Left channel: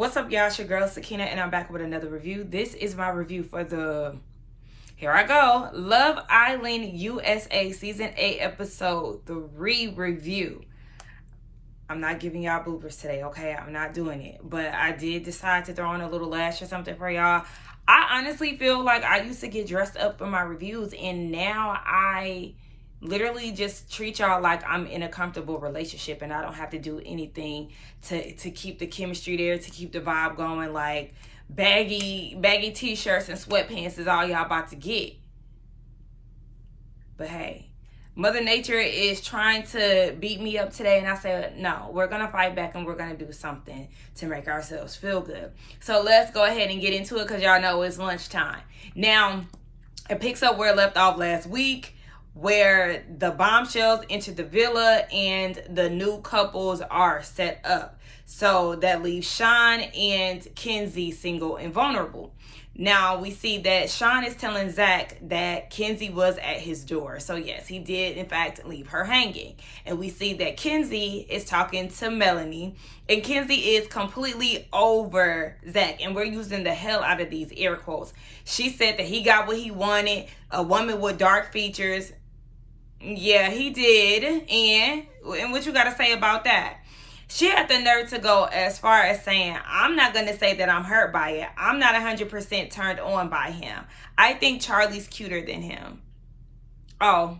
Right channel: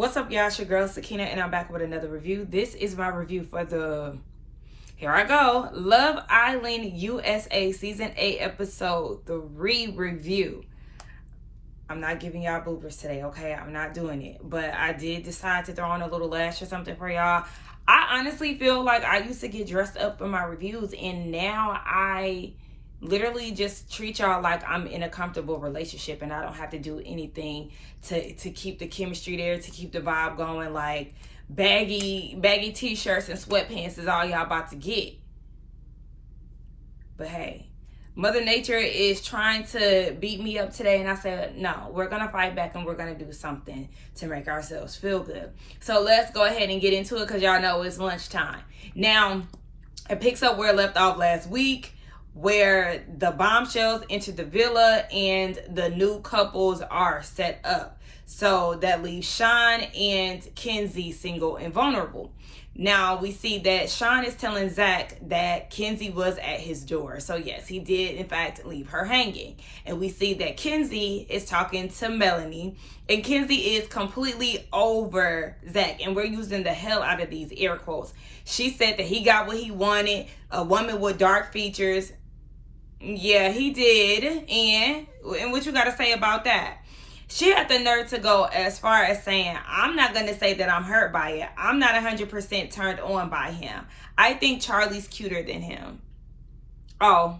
What's up, y'all? It's your girl Sakina, and I'm back with another review. This is my review for here I go, Love Island USA Season 8 Episode 3 review. I'm not giving y'all bloopers today, okay? I'm not doing it. But I did decide to throw in a little lash or something for y'all. I honestly feel like I used to get dressed up in my reviews, and now I literally just treat y'all like I'm in a comfortable relationship and I don't have to do anything to keep the chemistry there, to keep the vibe going. Like baggy t-shirts and sweatpants is all y'all about to get. But hey, Mother Nature is trying to beat me up today, and I said, no, we're going to fight back and we're going to do something to make ourselves feel good. So let's go ahead and get into it because y'all know it's lunchtime. Now, it picks up where it left off last week, where the bombshells enter the villa and the new couples are set up. So that leaves Sean and Kenzie single and vulnerable. Now we see that Sean is telling Zach that Kenzie was at his door. So yes, he did in fact leave her hanging. And we see that Kenzie is talking to Melanie, and Kenzie is completely over Zach. And we're using the hell out of these air quotes. She said that he got what he wanted, a woman with dark features. Yeah, he did. And what you got to say about that? She had the nerve to go as far as saying, I'm not going to say that I'm hurt by it. I'm not 100% turned on by him. I think Charlie's cuter than him. Oh,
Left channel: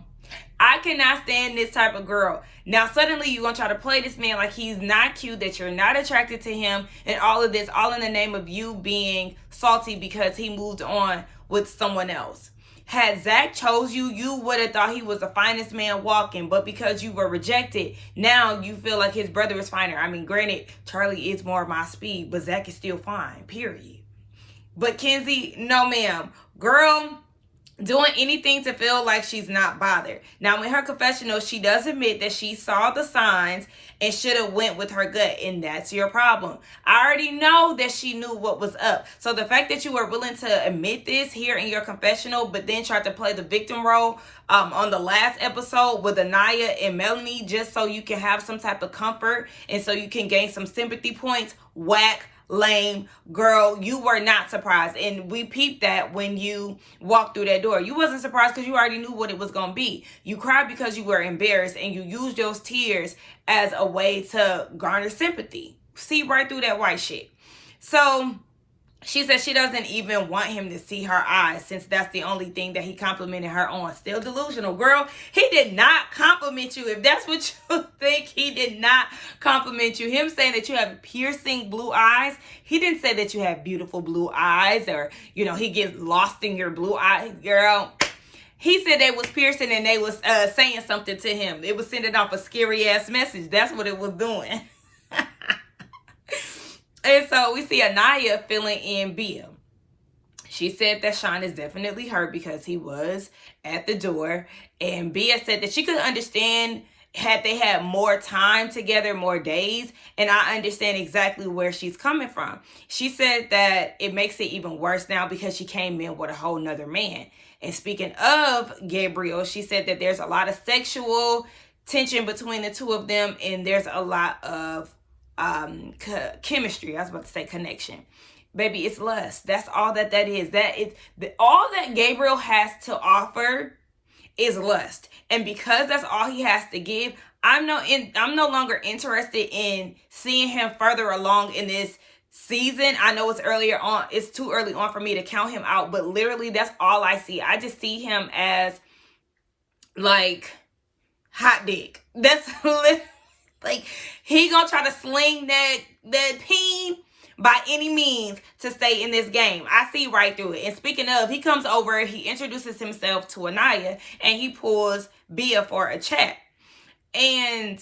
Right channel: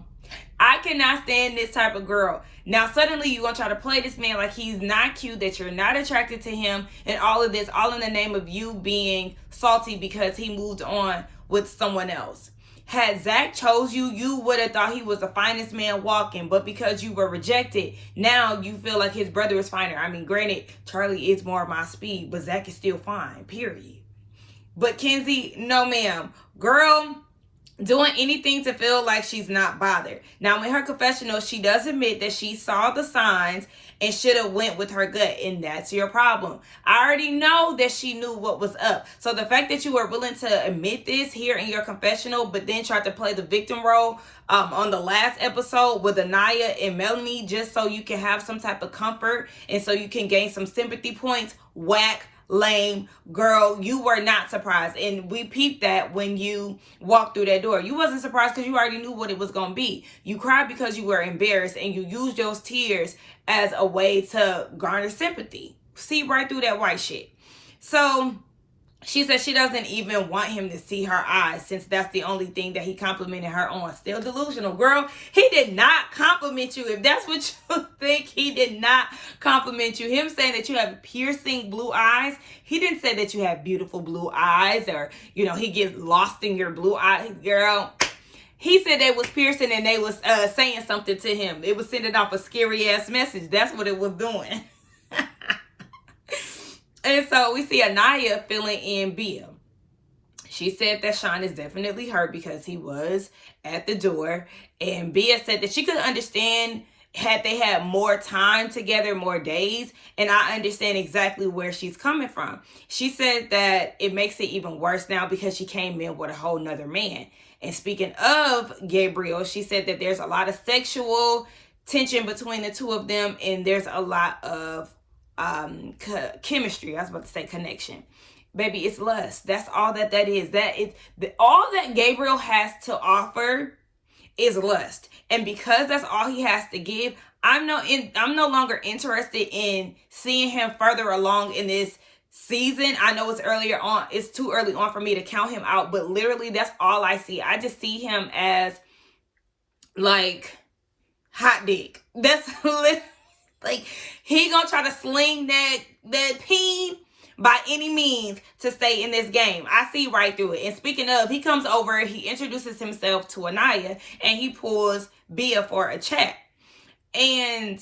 I cannot stand this type of girl. Now, suddenly you're going to try to play this man like he's not cute, that you're not attracted to him, and all of this, all in the name of you being salty because he moved on with someone else. Had Zach chose you, you would have thought he was the finest man walking. But because you were rejected, now you feel like his brother is finer. I mean, granted, Charlie is more my speed, but Zach is still fine, period. But Kenzie, no ma'am. Girl, doing anything to feel like she's not bothered. Now, in her confessional, she does admit that she saw the signs and should have went with her gut, and that's your problem. I already know that she knew what was up. So the fact that you were willing to admit this here in your confessional, but then tried to play the victim role on the last episode with Anaya and Melanie, just so you can have some type of comfort and so you can gain some sympathy points, whack. Lame. Girl, you were not surprised, and we peeped that when you walked through that door. You wasn't surprised because you already knew what it was going to be. You cried because you were embarrassed, and you used those tears as a way to garner sympathy. See right through that white shit. So she said she doesn't even want him to see her eyes, since that's the only thing that he complimented her on. Still delusional. Girl, he did not compliment you. If that's what you think, he did not compliment you. Him saying that you have piercing blue eyes, he didn't say that you have beautiful blue eyes, or, you know, he gets lost in your blue eyes. Girl, he said they was piercing and they was saying something to him. It was sending off a scary ass message. That's what it was doing. And so we see Anaya filling in Bia. She said that Sean is definitely hurt because he was at the door. And Bia said that she could understand had they had more time together, more days. And I understand exactly where she's coming from. She said that it makes it even worse now because she came in with a whole nother man. And speaking of Gabriel, she said that there's a lot of sexual tension between the two of them. And there's a lot of chemistry. I was about to say connection. Baby, it's lust. That's all that is. All that Gabriel has to offer is lust. And because that's all he has to give, I'm no longer interested in seeing him further along in this season. I know it's too early on for me to count him out, but literally that's all I see. I just see him as like hot dick. That's like, he gonna try to sling that peen by any means to stay in this game. I see right through it. And speaking of, he comes over, he introduces himself to Anaya, and he pulls Bia for a chat. And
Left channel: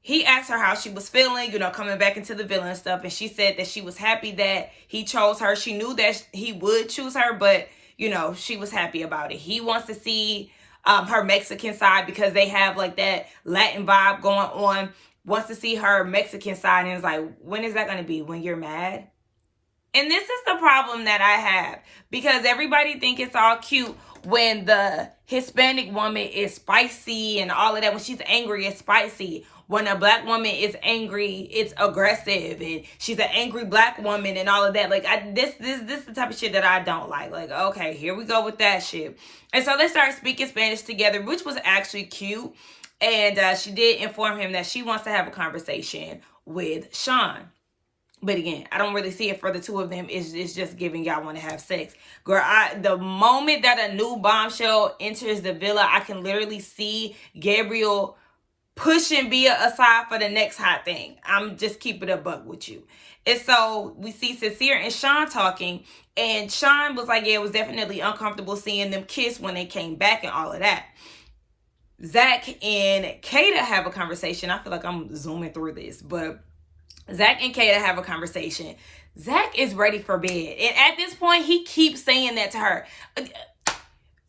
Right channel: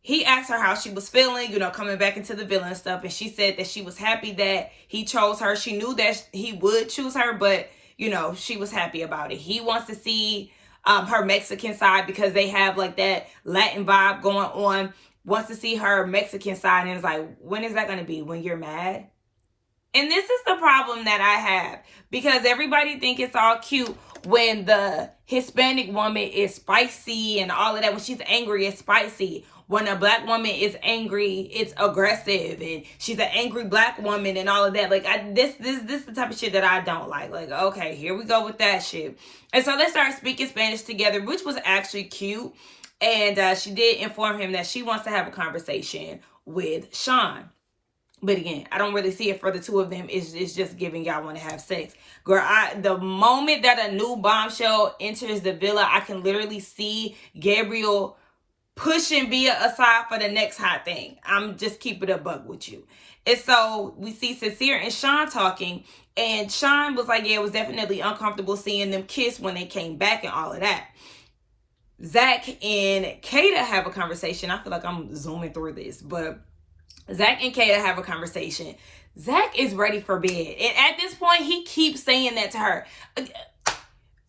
he asked her how she was feeling, you know, coming back into the villa and stuff. And she said that she was happy that he chose her. She knew that he would choose her, but, you know, she was happy about it. He wants to see her Mexican side because they have like that Latin vibe going on. Wants to see her Mexican side, and it's like, when is that going to be? When you're mad? And this is the problem that I have, because everybody think it's all cute when the Hispanic woman is spicy and all of that. When she's angry, it's spicy. when a black woman is angry, it's aggressive, and she's an angry black woman and all of that. Like, this is the type of shit that I don't like. Like, okay, here we go with that shit. And so they started speaking Spanish together, which was actually cute. And she did inform him that she wants to have a conversation with Sean. But again, I don't really see it for the two of them. It's just giving y'all want to have sex. Girl, the moment that a new bombshell enters the villa, I can literally see Gabriel pushing Bia aside for the next hot thing. I'm just keeping it a buck with you. And so we see Sincere and Sean talking. And Sean was like, yeah, it was definitely uncomfortable seeing them kiss when they came back and all of that. Zach and Kata have a conversation. I feel like I'm zooming through this, but Zach and Kata have a conversation. Zach is ready for bed. And at this point, he keeps saying that to her.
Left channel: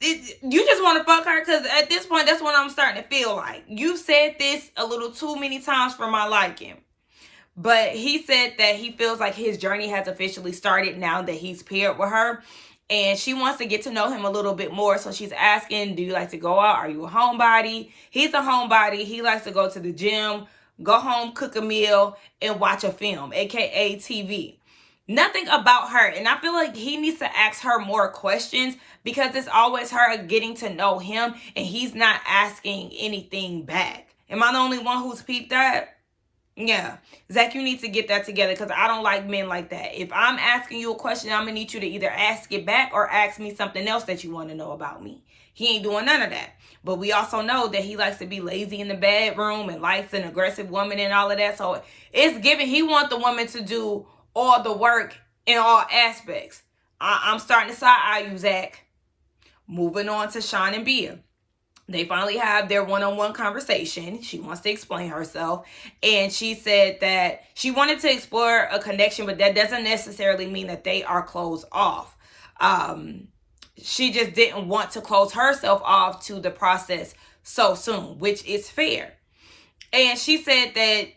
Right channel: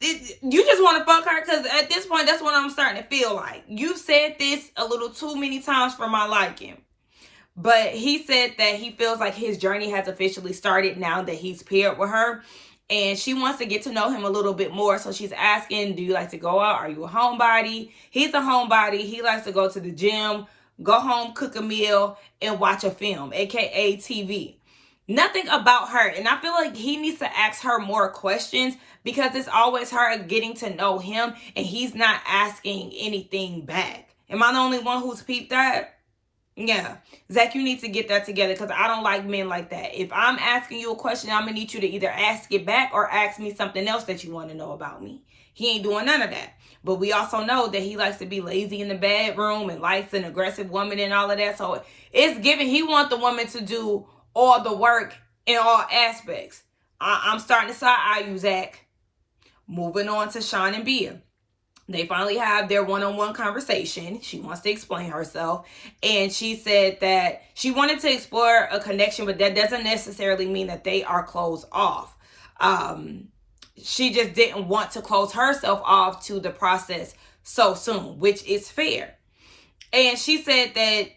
You just want to fuck her? Because at this point, that's what I'm starting to feel like. You said this a little too many times for my liking. But he said that he feels like his journey has officially started now that he's paired with her. And she wants to get to know him a little bit more. So she's asking, do you like to go out? Are you a homebody? He's a homebody. He likes to go to the gym, go home, cook a meal, and watch a film, aka TV. Nothing about her. And I feel like he needs to ask her more questions because it's always her getting to know him and he's not asking anything back. Am I the only one who's peeped that? Yeah. Zach, you need to get that together because I don't like men like that. If I'm asking you a question, I'm going to need you to either ask it back or ask me something else that you want to know about me. He ain't doing none of that. But we also know that he likes to be lazy in the bedroom and likes an aggressive woman and all of that. So it's given he wants the woman to do all the work in all aspects. I'm starting to side-eye you, Zach. Moving on to Sean and Bia. They finally have their one-on-one conversation. She wants to explain herself. And she said that she wanted to explore a connection, but that doesn't necessarily mean that they are closed off. She just didn't want to close herself off to the process so soon, which is fair. And she said that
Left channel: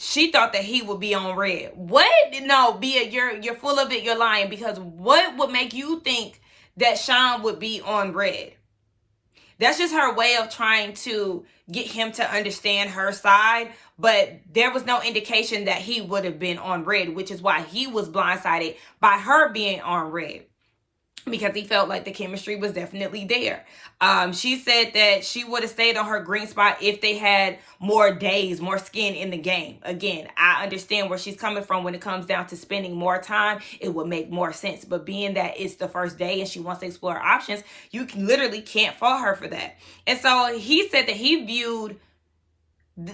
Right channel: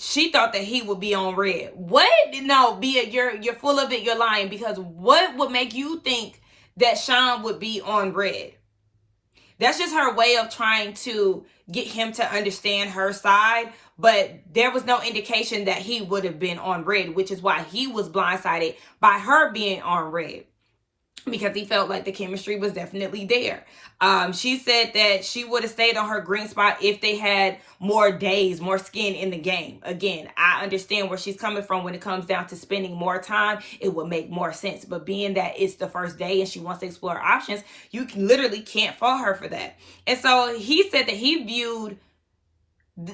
she thought that he would be on red. What? No, Bia, you're full of it. You're lying, because what would make you think that Sean would be on red? That's just her way of trying to get him to understand her side. But there was no indication that he would have been on red, which is why he was blindsided by her being on red, because he felt like the chemistry was definitely there. She said that she would have stayed on her green spot if they had more days, more skin in the game. Again, I understand where she's coming from when it comes down to spending more time. It would make more sense. But being that it's the first day and she wants to explore options, you literally can't fault her for that. And so he said that he viewed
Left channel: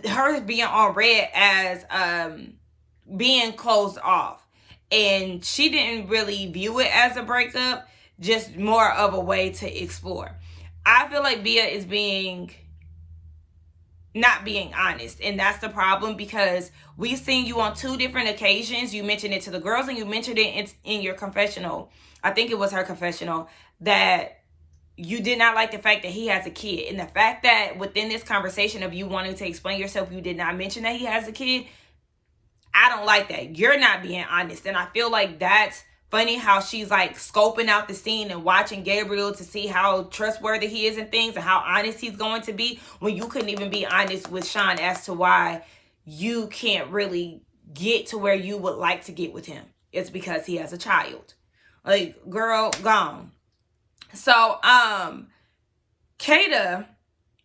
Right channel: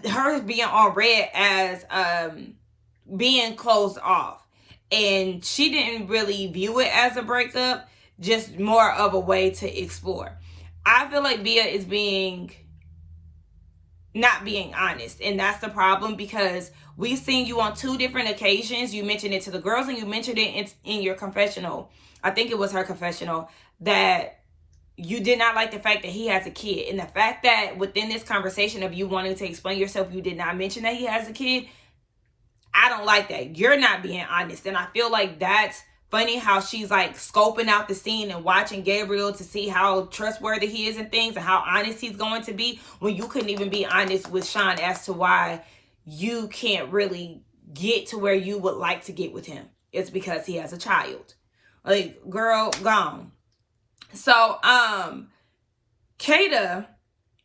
her being on red as being closed off. And she didn't really view it as a breakup, just more of a way to explore. I feel like Bia is not being honest. And that's the problem, because we've seen you on 2 different occasions. You mentioned it to the girls and you mentioned it in your confessional. I think it was her confessional, that you did not like the fact that he has a kid. And the fact that within this conversation of you wanting to explain yourself, you did not mention that he has a kid. I don't like that. You're not being honest. And I feel like that's funny how she's like scoping out the scene and watching Gabriel to see how trustworthy he is and things and how honest he's going to be, when you couldn't even be honest with Sean as to why you can't really get to where you would like to get with him. It's because he has a child. Like, girl, gone. So, Kata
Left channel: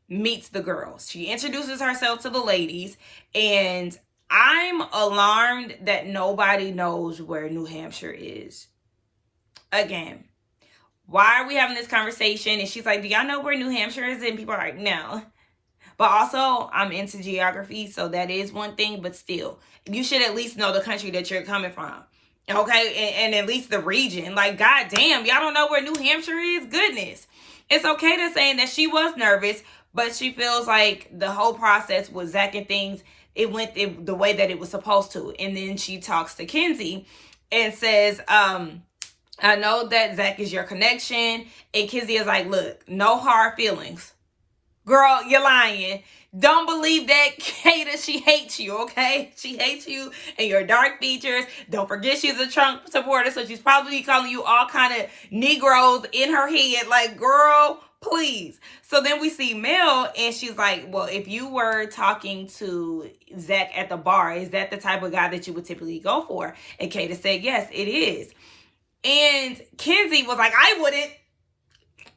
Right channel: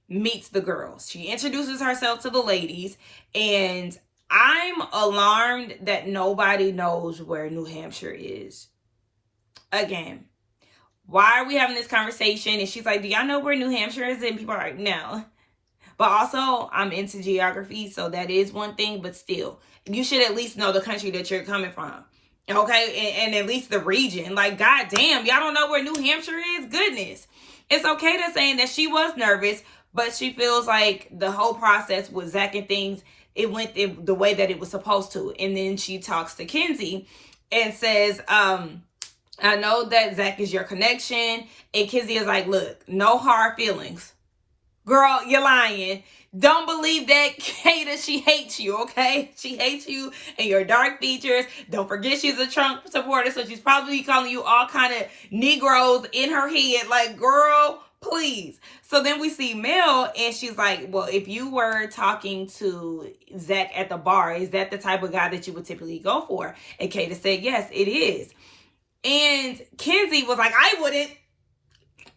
meets the girls. She introduces herself to the ladies, and I'm alarmed that nobody knows where New Hampshire is. Again, why are we having this conversation? And she's like, do y'all know where New Hampshire is? And people are like, no. But also, I'm into geography, so that is one thing. But still, you should at least know the country that you're coming from. Okay? And at least the region. Like, goddamn, y'all don't know where New Hampshire is? Goodness. It's okay to saying that she was nervous, but she feels like the whole process with Zach and things, it went the way that it was supposed to. And then she talks to Kenzie and says, I know that Zach is your connection. And Kenzie is like, look, no hard feelings. Girl, you're lying. Don't believe that, Kata. She hates you, okay? She hates you and your dark features. Don't forget she's a Trump supporter, so she's probably calling you all kind of Negroes in her head. Like, girl, please. So then we see Mel, and she's like, well, if you were talking to Zach at the bar, is that the type of guy that you would typically go for? And Kata said, yes, it is. And Kenzie was like, I wouldn't.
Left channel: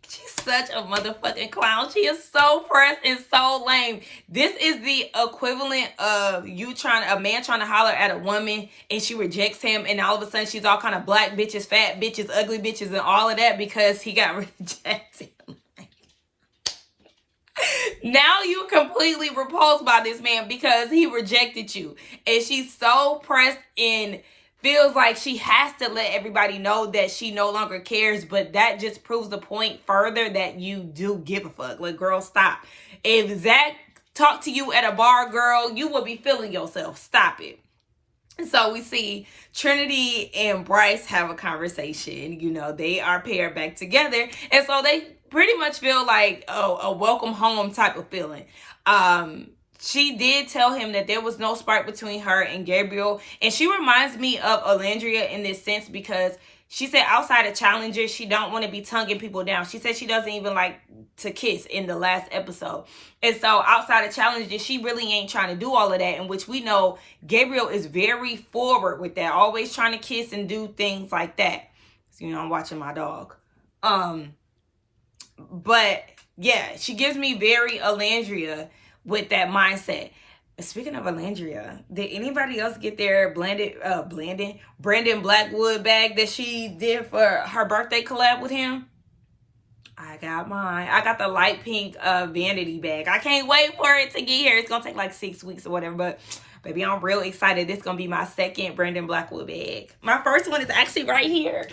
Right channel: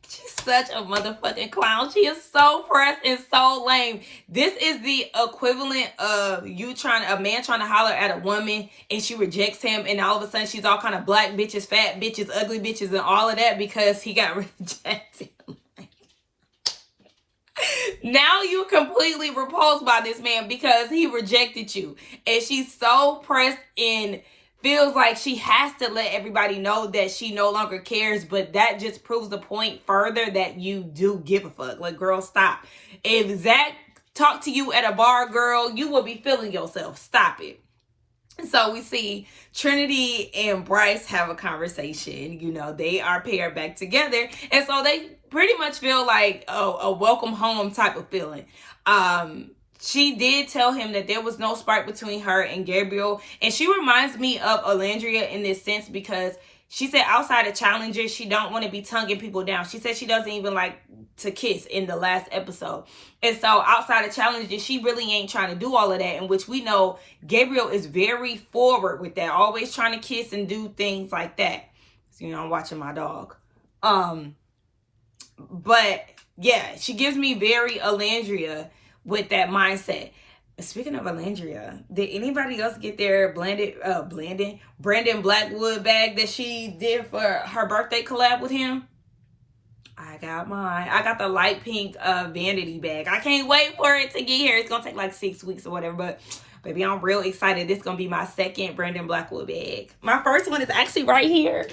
She's such a motherfucking clown. She is so pressed and so lame. This is the equivalent of a man trying to holler at a woman and she rejects him, and all of a sudden she's all kind of black bitches, fat bitches, ugly bitches, and all of that because he got rejected. Now you completely repulsed by this man because he rejected you. And she's so pressed and feels like she has to let everybody know that she no longer cares, but that just proves the point further that you do give a fuck. Like, girl, stop. If Zach talked to you at a bar, girl, you will be feeling yourself. Stop it. So we see Trinity and Bryce have a conversation. You know, they are paired back together. And so they pretty much feel like a welcome home type of feeling. She did tell him that there was no spark between her and Gabriel. And she reminds me of Alandria in this sense because she said outside of challenges, she don't want to be tonguing people down. She said she doesn't even like to kiss in the last episode. And so outside of challenges, she really ain't trying to do all of that, in which we know Gabriel is very forward with that, always trying to kiss and do things like that. So, you know, I'm watching my dog. But yeah, she gives me very Alandria with that mindset. Speaking of Alandria, did anybody else get their Brandon Blackwood bag that she did for her birthday collab with him? I got mine. I got the light pink vanity bag. I can't wait for it to get here. It's gonna take like 6 weeks or whatever, but baby, I'm real excited. This is gonna be my second Brandon Blackwood bag. My first one is actually right here.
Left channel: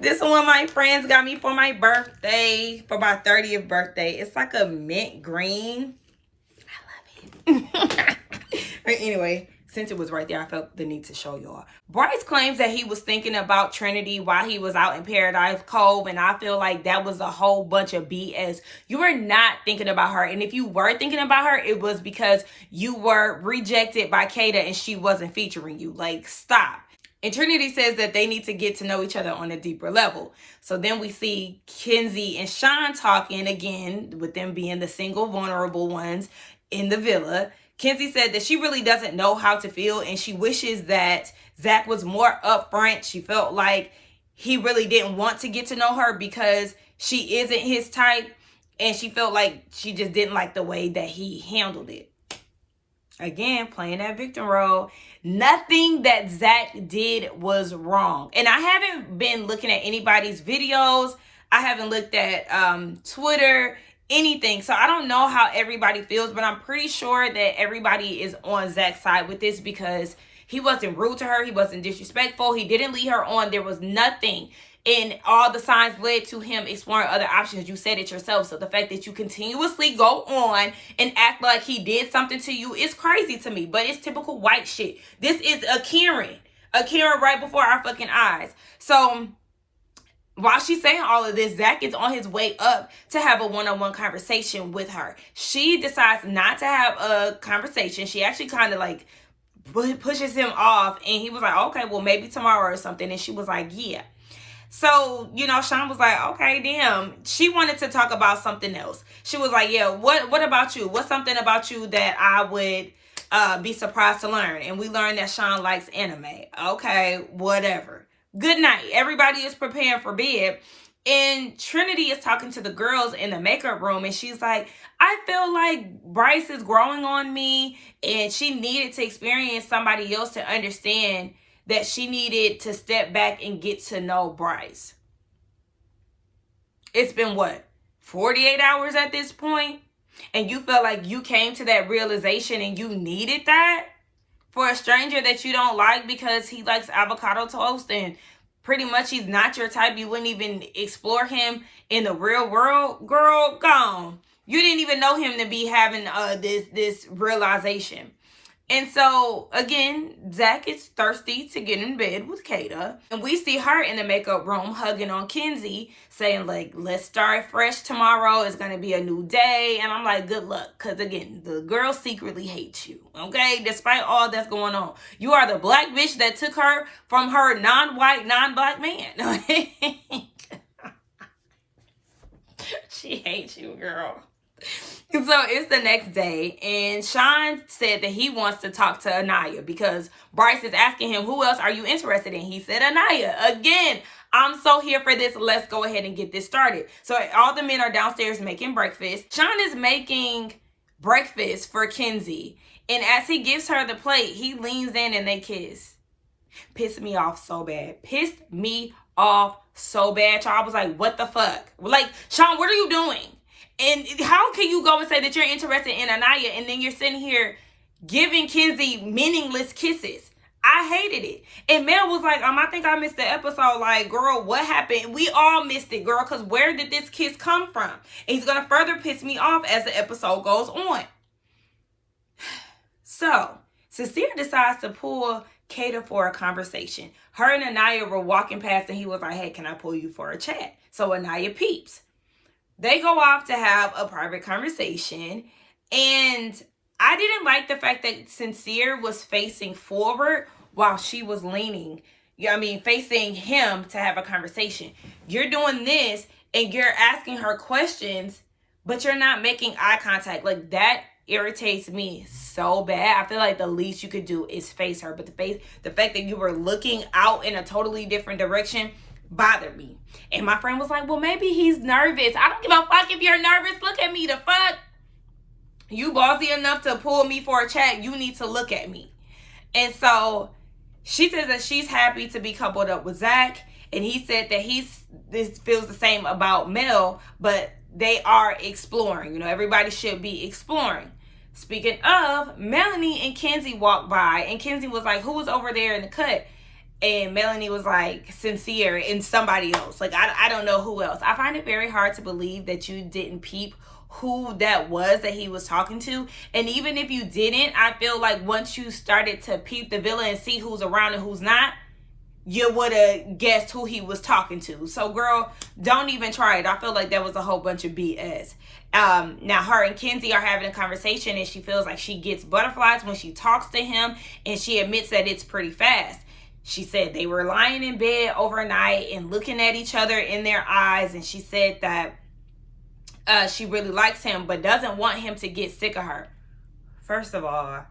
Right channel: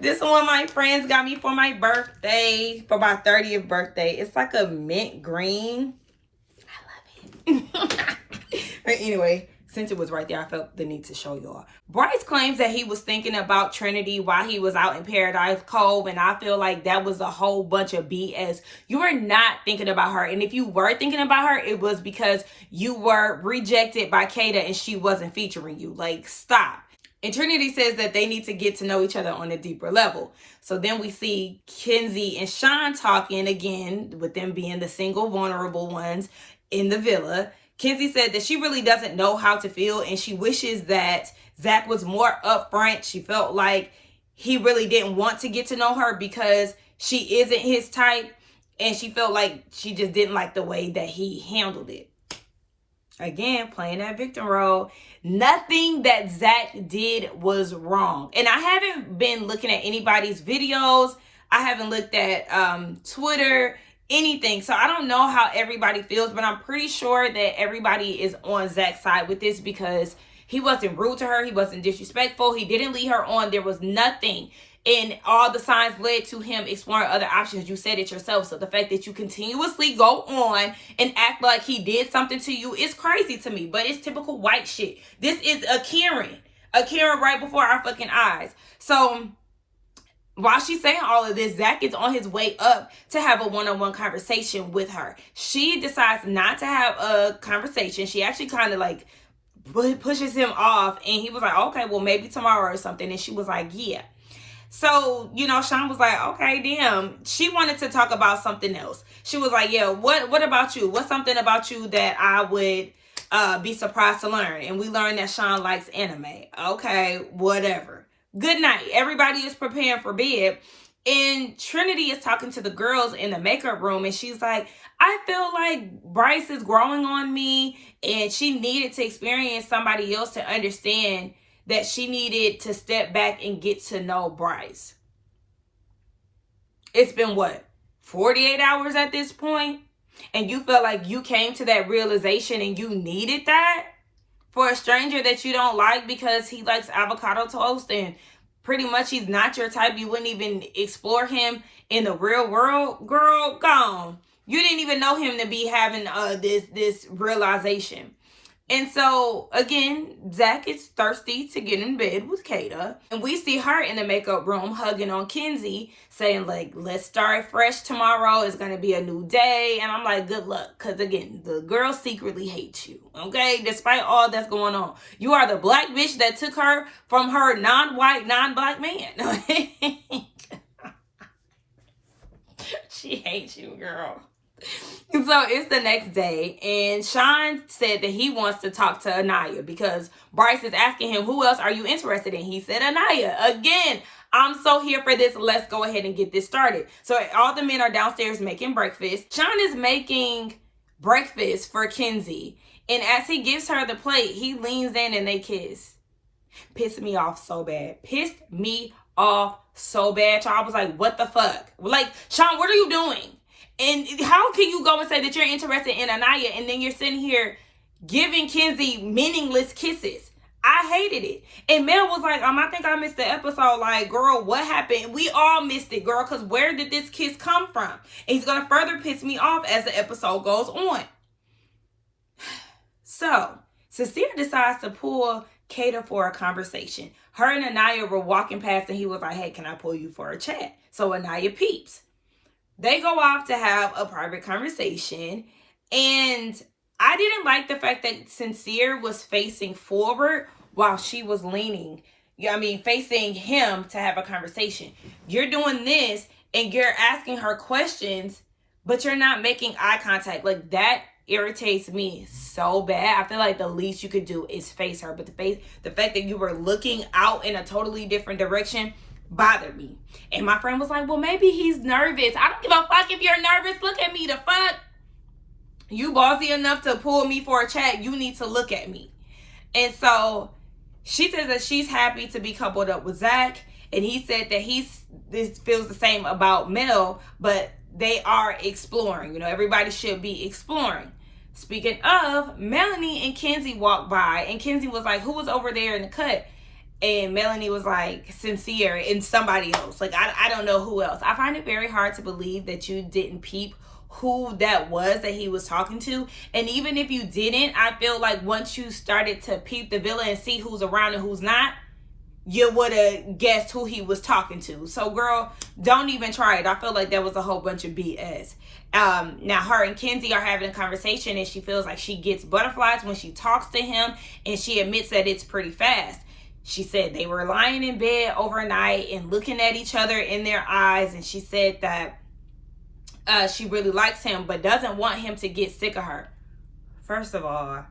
This one my friends got me for my birthday, for my 30th birthday. It's like a mint green. I love it. But anyway, since it was right there, I felt the need to show y'all. Bryce claims that he was thinking about Trinity while he was out in Paradise Cove, and I feel like that was a whole bunch of BS. You were not thinking about her, and if you were thinking about her, it was because you were rejected by Kata and she wasn't featuring you. Like, stop. And Trinity says that they need to get to know each other on a deeper level. So then we see Kenzie and Sean talking again, with them being the single vulnerable ones in the villa. Kenzie said that she really doesn't know how to feel, and she wishes that Zach was more upfront. She felt like he really didn't want to get to know her because she isn't his type, and she felt like she just didn't like the way that he handled it. Again, playing that victim role. Nothing that Zach did was wrong. And I haven't been looking at anybody's videos. I haven't looked at Twitter, anything. So I don't know how everybody feels, but I'm pretty sure that everybody is on Zach's side with this because he wasn't rude to her. He wasn't disrespectful. He didn't lead her on. There was nothing. And all the signs led to him exploring other options. You said it yourself. So the fact that you continuously go on and act like he did something to you is crazy to me. But it's typical white shit. This is a Karen. A Karen right before our fucking eyes. So while she's saying all of this, Zach is on his way up to have a one-on-one conversation with her. She decides not to have a conversation. She actually kind of like pushes him off. And he was like, okay, well, maybe tomorrow or something. And she was like, yeah. So, you know, Sean was like, okay, damn. She wanted to talk about something else. She was like, yeah, what about you? What's something about you that I would be surprised to learn? And we learned that Sean likes anime. Okay, whatever. Good night. Everybody is preparing for bed. And Trinity is talking to the girls in the makeup room. And she's like, I feel like Bryce is growing on me. And she needed to experience somebody else to understand that she needed to step back and get to know Bryce. It's been what, 48 hours at this point? And you felt like you came to that realization and you needed that for a stranger that you don't like because he likes avocado toast and pretty much he's not your type. You wouldn't even explore him in the real world. Girl, gone. You didn't even know him to be having this realization. And so, again, Zach is thirsty to get in bed with Kata. And we see her in the makeup room hugging on Kenzie, saying, like, let's start fresh tomorrow. It's going to be a new day. And I'm like, good luck. Because, again, the girl secretly hates you, okay? Despite all that's going on. You are the black bitch that took her from her non-white, non-black man. She hates you, girl. So it's the next day, and Sean said that he wants to talk to Anaya because Bryce is asking him, who else are you interested in? He said Anaya. Again, I'm so here for this. Let's go ahead and get this started. So all the men are downstairs making breakfast. Sean is making breakfast for Kenzie, and as he gives her the plate, he leans in and they kiss. Pissed me off so bad. Pissed me off so bad. I was like, what the fuck? Like, Sean, what are you doing? And how can you go and say that you're interested in Anaya and then you're sitting here giving Kenzie meaningless kisses? I hated it. And Mel was like, I think I missed the episode. Like, girl, what happened? We all missed it, girl, because where did this kiss come from? And he's going to further piss me off as the episode goes on. So, Sincere decides to pull Kata for a conversation. Her and Anaya were walking past and he was like, hey, can I pull you for a chat? So Anaya peeps. They go off to have a private conversation, and I didn't like the fact that Sincere was facing forward while she was leaning. Facing him to have a conversation. You're doing this, and you're asking her questions, but you're not making eye contact. Like, that irritates me so bad. I feel like the least you could do is face her, but the fact that you were looking out in a totally different direction bothered me. And my friend was like, well, maybe he's nervous. I don't give a fuck if you're nervous. Look at me. The fuck? You bossy enough to pull me for a chat. You need to look at me. And so she says that she's happy to be coupled up with Zach. And he said that this feels the same about Mel, but they are exploring. Everybody should be exploring. Speaking of, Melanie and Kenzie walked by, and Kenzie was like, who was over there in the cut? And Melanie was like, Sincere and somebody else. Like, I don't know who else. I find it very hard to believe that you didn't peep who that was that he was talking to. And even if you didn't, I feel like once you started to peep the villa and see who's around and who's not, you would have guessed who he was talking to. So, girl, don't even try it. I feel like that was a whole bunch of BS. Now, her and Kenzie are having a conversation, and she feels like she gets butterflies when she talks to him, and she admits that it's pretty fast. She said they were lying in bed overnight and looking at each other in their eyes. And she said that she really likes him, but doesn't want him to get sick of her. First of all,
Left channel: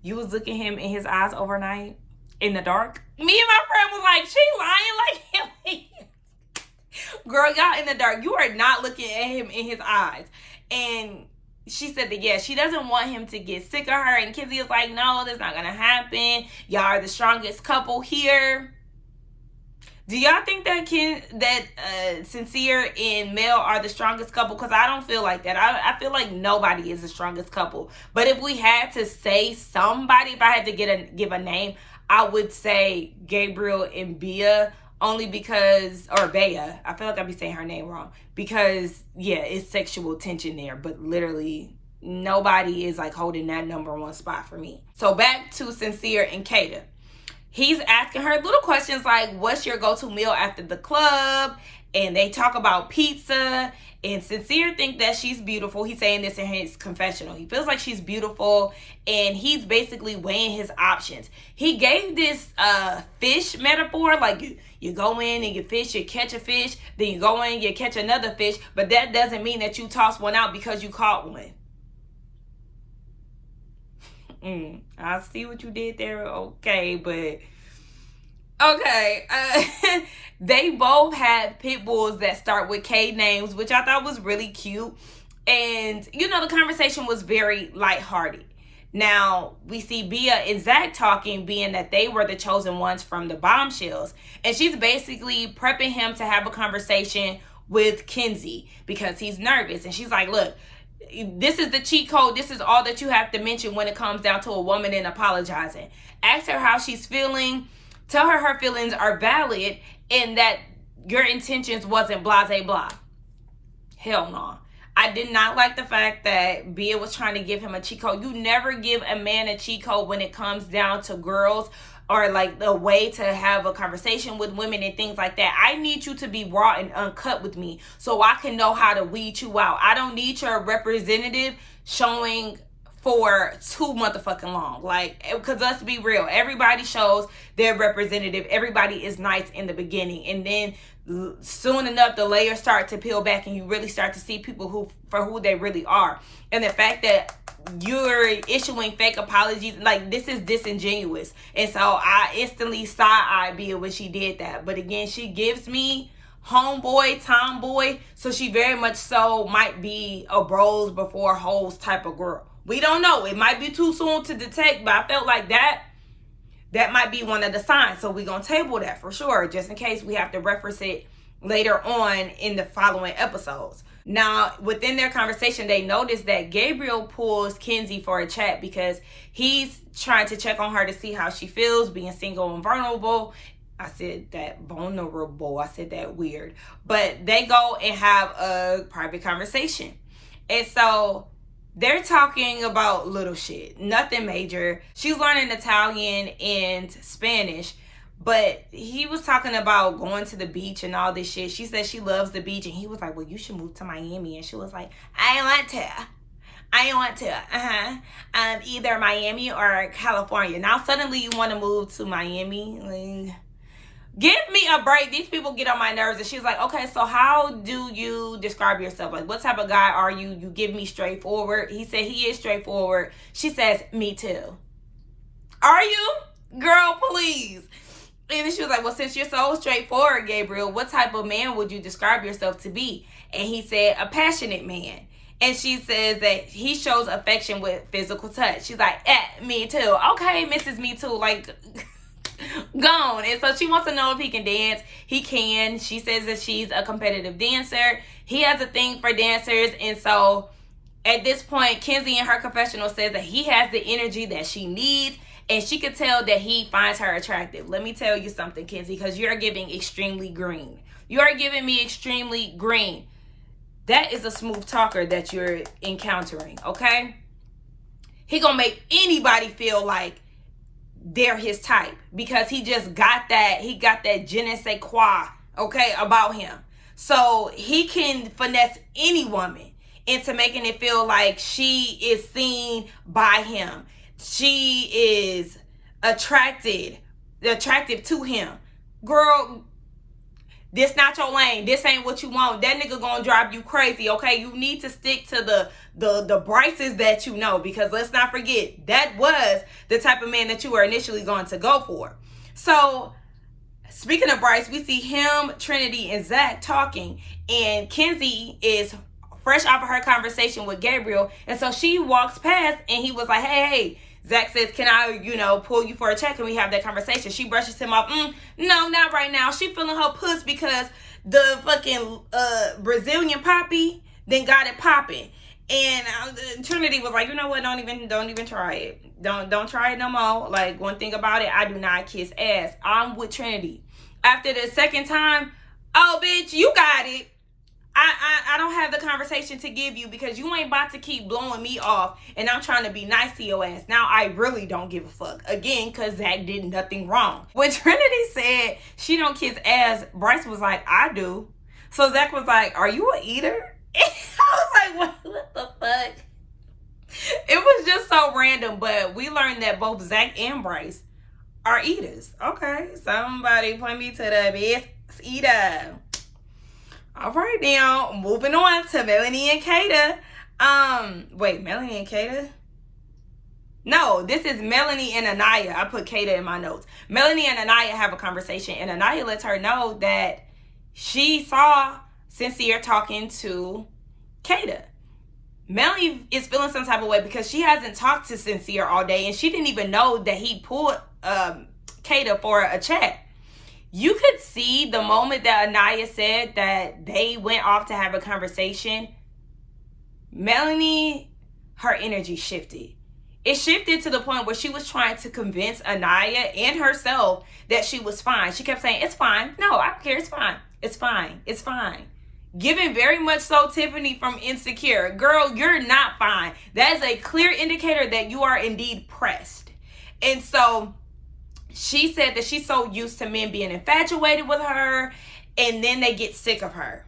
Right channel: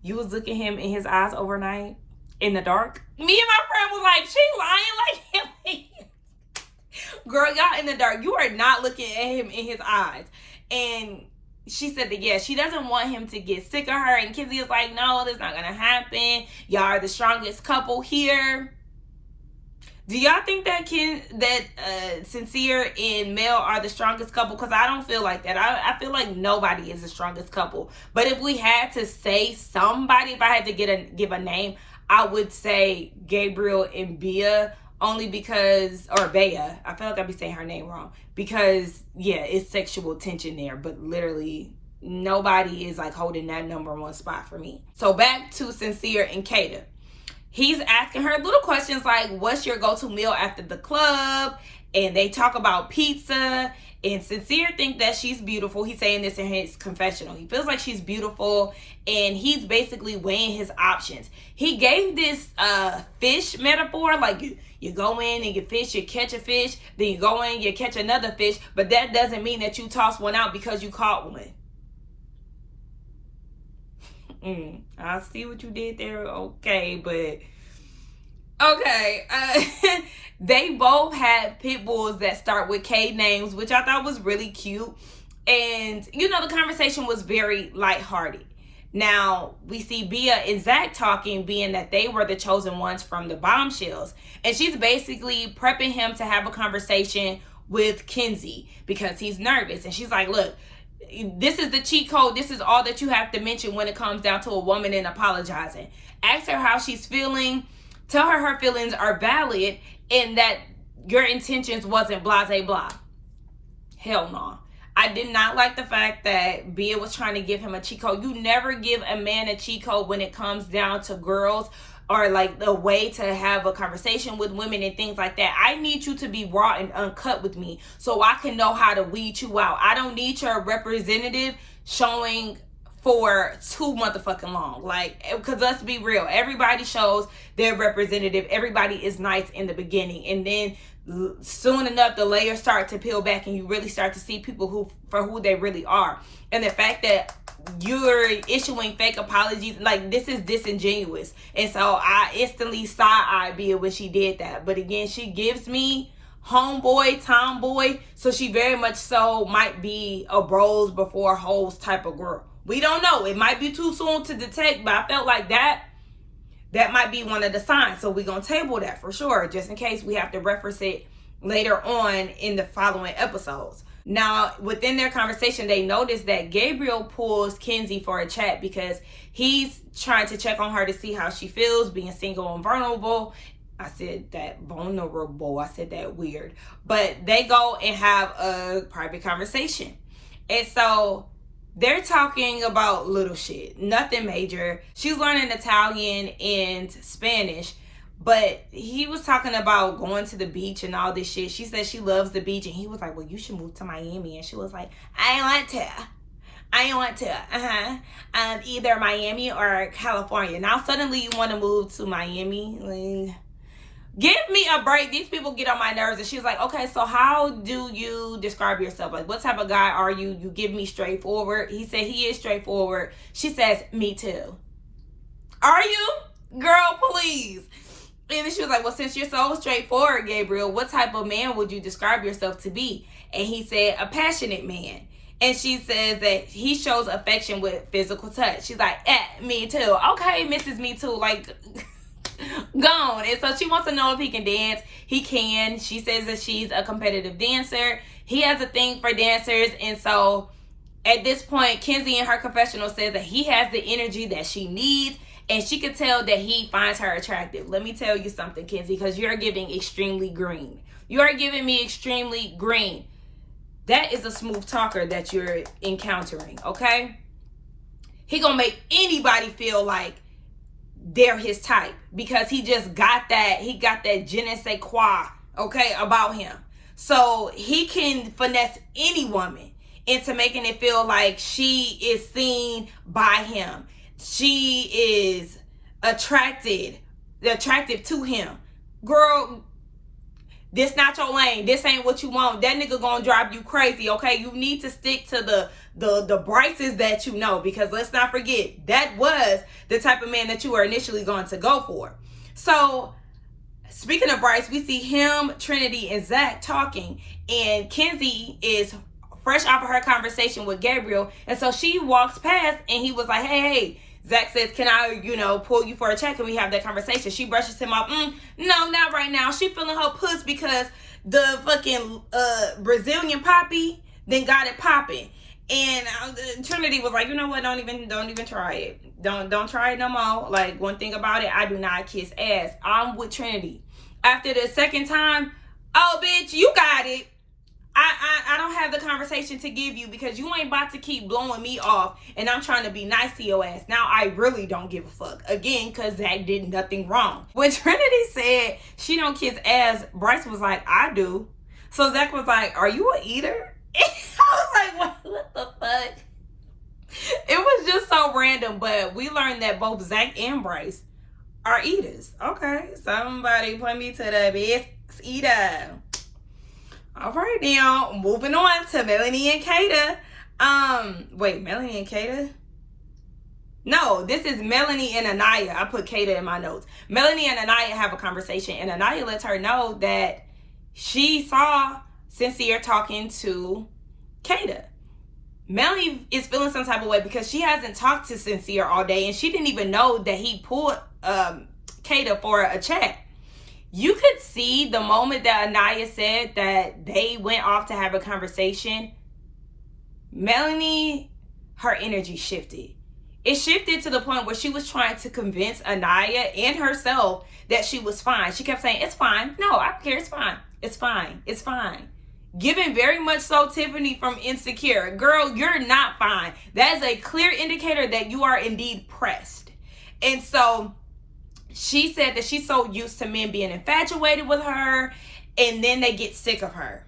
you was looking him in his eyes overnight in the dark. Me and my friend was like, she lying like him. Girl, y'all in the dark. You are not looking at him in his eyes. And she said that, yeah, she doesn't want him to get sick of her. And Kenzie is like, no, that's not going to happen. Y'all are the strongest couple here. Do y'all think that Sincere and Mel are the strongest couple? Because I don't feel like that. I feel like nobody is the strongest couple. But if we had to say somebody, if I had to give a name, I would say Gabriel and Bea. Only because, or Bea, I feel like I'd be saying her name wrong. Because, yeah, it's sexual tension there. But literally, nobody is like holding that number one spot for me. So back to Sincere and Kata. He's asking her little questions like, what's your go-to meal after the club? And they talk about pizza. And Sincere think that she's beautiful. He's saying this in his confessional. He feels like she's beautiful. And he's basically weighing his options. He gave this fish metaphor, like you go in and you fish, you catch a fish, then you go in, you catch another fish, but that doesn't mean that you toss one out because you caught one. I see what you did there, okay, but okay. They both had pit bulls that start with K names, which I thought was really cute. And, the conversation was very lighthearted. Now, we see Bea and Zach talking, being that they were the chosen ones from the bombshells. And she's basically prepping him to have a conversation with Kenzie because he's nervous. And she's like, look, this is the cheat code. This is all that you have to mention when it comes down to a woman and apologizing. Ask her how she's feeling. Tell her her feelings are valid and that your intentions wasn't blah, blah, blah. Hell no. I did not like the fact that Bea was trying to give him a cheat code. You never give a man a cheat code when it comes down to girls or like a way to have a conversation with women and things like that. I need you to be raw and uncut with me so I can know how to weed you out. I don't need your representative showing for too motherfucking long. Like, because let's be real, everybody shows their representative. Everybody is nice in the beginning, and then soon enough the layers start to peel back and you really start to see people for who they really are. And the fact that you're issuing fake apologies, like, this is disingenuous. And so I instantly side-eyed Bia when she did that. But again, she gives me homeboy, tomboy, so she very much so might be a bros before hoes type of girl. We don't know. It might be too soon to detect, but I felt like that might be one of the signs. So we're going to table that for sure, just in case we have to reference it later on in the following episodes. Now, within their conversation, they noticed that Gabriel pulls Kenzie for a chat because he's trying to check on her to see how she feels being single and vulnerable. I said that vulnerable. I said that weird. But they go and have a private conversation. And so they're talking about little shit, nothing major. She's learning Italian and Spanish, but he was talking about going to the beach and all this shit. She said she loves the beach, and he was like, well, you should move to Miami. And she was like, I want to. Either Miami or California. Now suddenly you want to move to Miami? Like, give me a break. These people get on my nerves. And she's like, okay, so how do you describe yourself? Like, what type of guy are you? You give me straightforward. He said he is straightforward. She says, me too. Are you? Girl, please. And then she was like, well, since you're so straightforward, Gabriel, what type of man would you describe yourself to be? And he said, a passionate man. And she says that he shows affection with physical touch. She's like, me too. Okay, Mrs. Me Too. Like, gone. And so she wants to know if he can dance. He can. She says that she's a competitive dancer. He has a thing for dancers. And so at this point, Kenzie in her confessional says that he has the energy that she needs. And she could tell that he finds her attractive. Let me tell you something, Kenzie, because you're giving extremely green. You are giving me extremely green. That is a smooth talker that you're encountering, okay? He gonna make anybody feel like they're his type because he just got that. He got that je ne sais quoi, okay, about him. So he can finesse any woman into making it feel like she is seen by him. She is attractive to him. Girl, this not your lane. This ain't what you want. That nigga gonna drive you crazy, okay? You need to stick to the Bryces that you know, because let's not forget, that was the type of man that you were initially going to go for. So, speaking of Bryce, we see him, Trinity, and Zach talking, and Kenzie is fresh off of her conversation with Gabriel, and so she walks past, and he was like, hey, Zach says, can I, pull you for a check? And we have that conversation. She brushes him off. No, not right now. She feeling her puss because the fucking Brazilian poppy then got it popping. And Trinity was like, you know what? Don't even try it. Don't try it no more. Like, one thing about it, I do not kiss ass. I'm with Trinity. After the second time, oh, bitch, you got it. I don't have the conversation to give you because you ain't about to keep blowing me off and I'm trying to be nice to your ass. Now I really don't give a fuck. Again, because Zach did nothing wrong. When Trinity said she don't kiss ass, Bryce was like, I do. So Zach was like, are you an eater? And I was like, what the fuck? It was just so random, but we learned that both Zach and Bryce are eaters. Okay, somebody point me to the best eater. All right, now moving on to Melanie and Kata. Wait, Melanie and Kata? No, this is Melanie and Anaya. I put Kata in my notes. Melanie and Anaya have a conversation, and Anaya lets her know that she saw Sincere talking to Kata. Melanie is feeling some type of way because she hasn't talked to Sincere all day, and she didn't even know that he pulled Kata for a chat. You could see the moment that Anaya said that they went off to have a conversation, Melanie, her energy shifted. It shifted to the point where she was trying to convince Anaya and herself that she was fine. She kept saying, it's fine. No, I don't care. It's fine. It's fine. It's fine. Giving very much so Tiffany from Insecure. Girl, you're not fine. That is a clear indicator that you are indeed pressed. And so she said that she's so used to men being infatuated with her and then they get sick of her.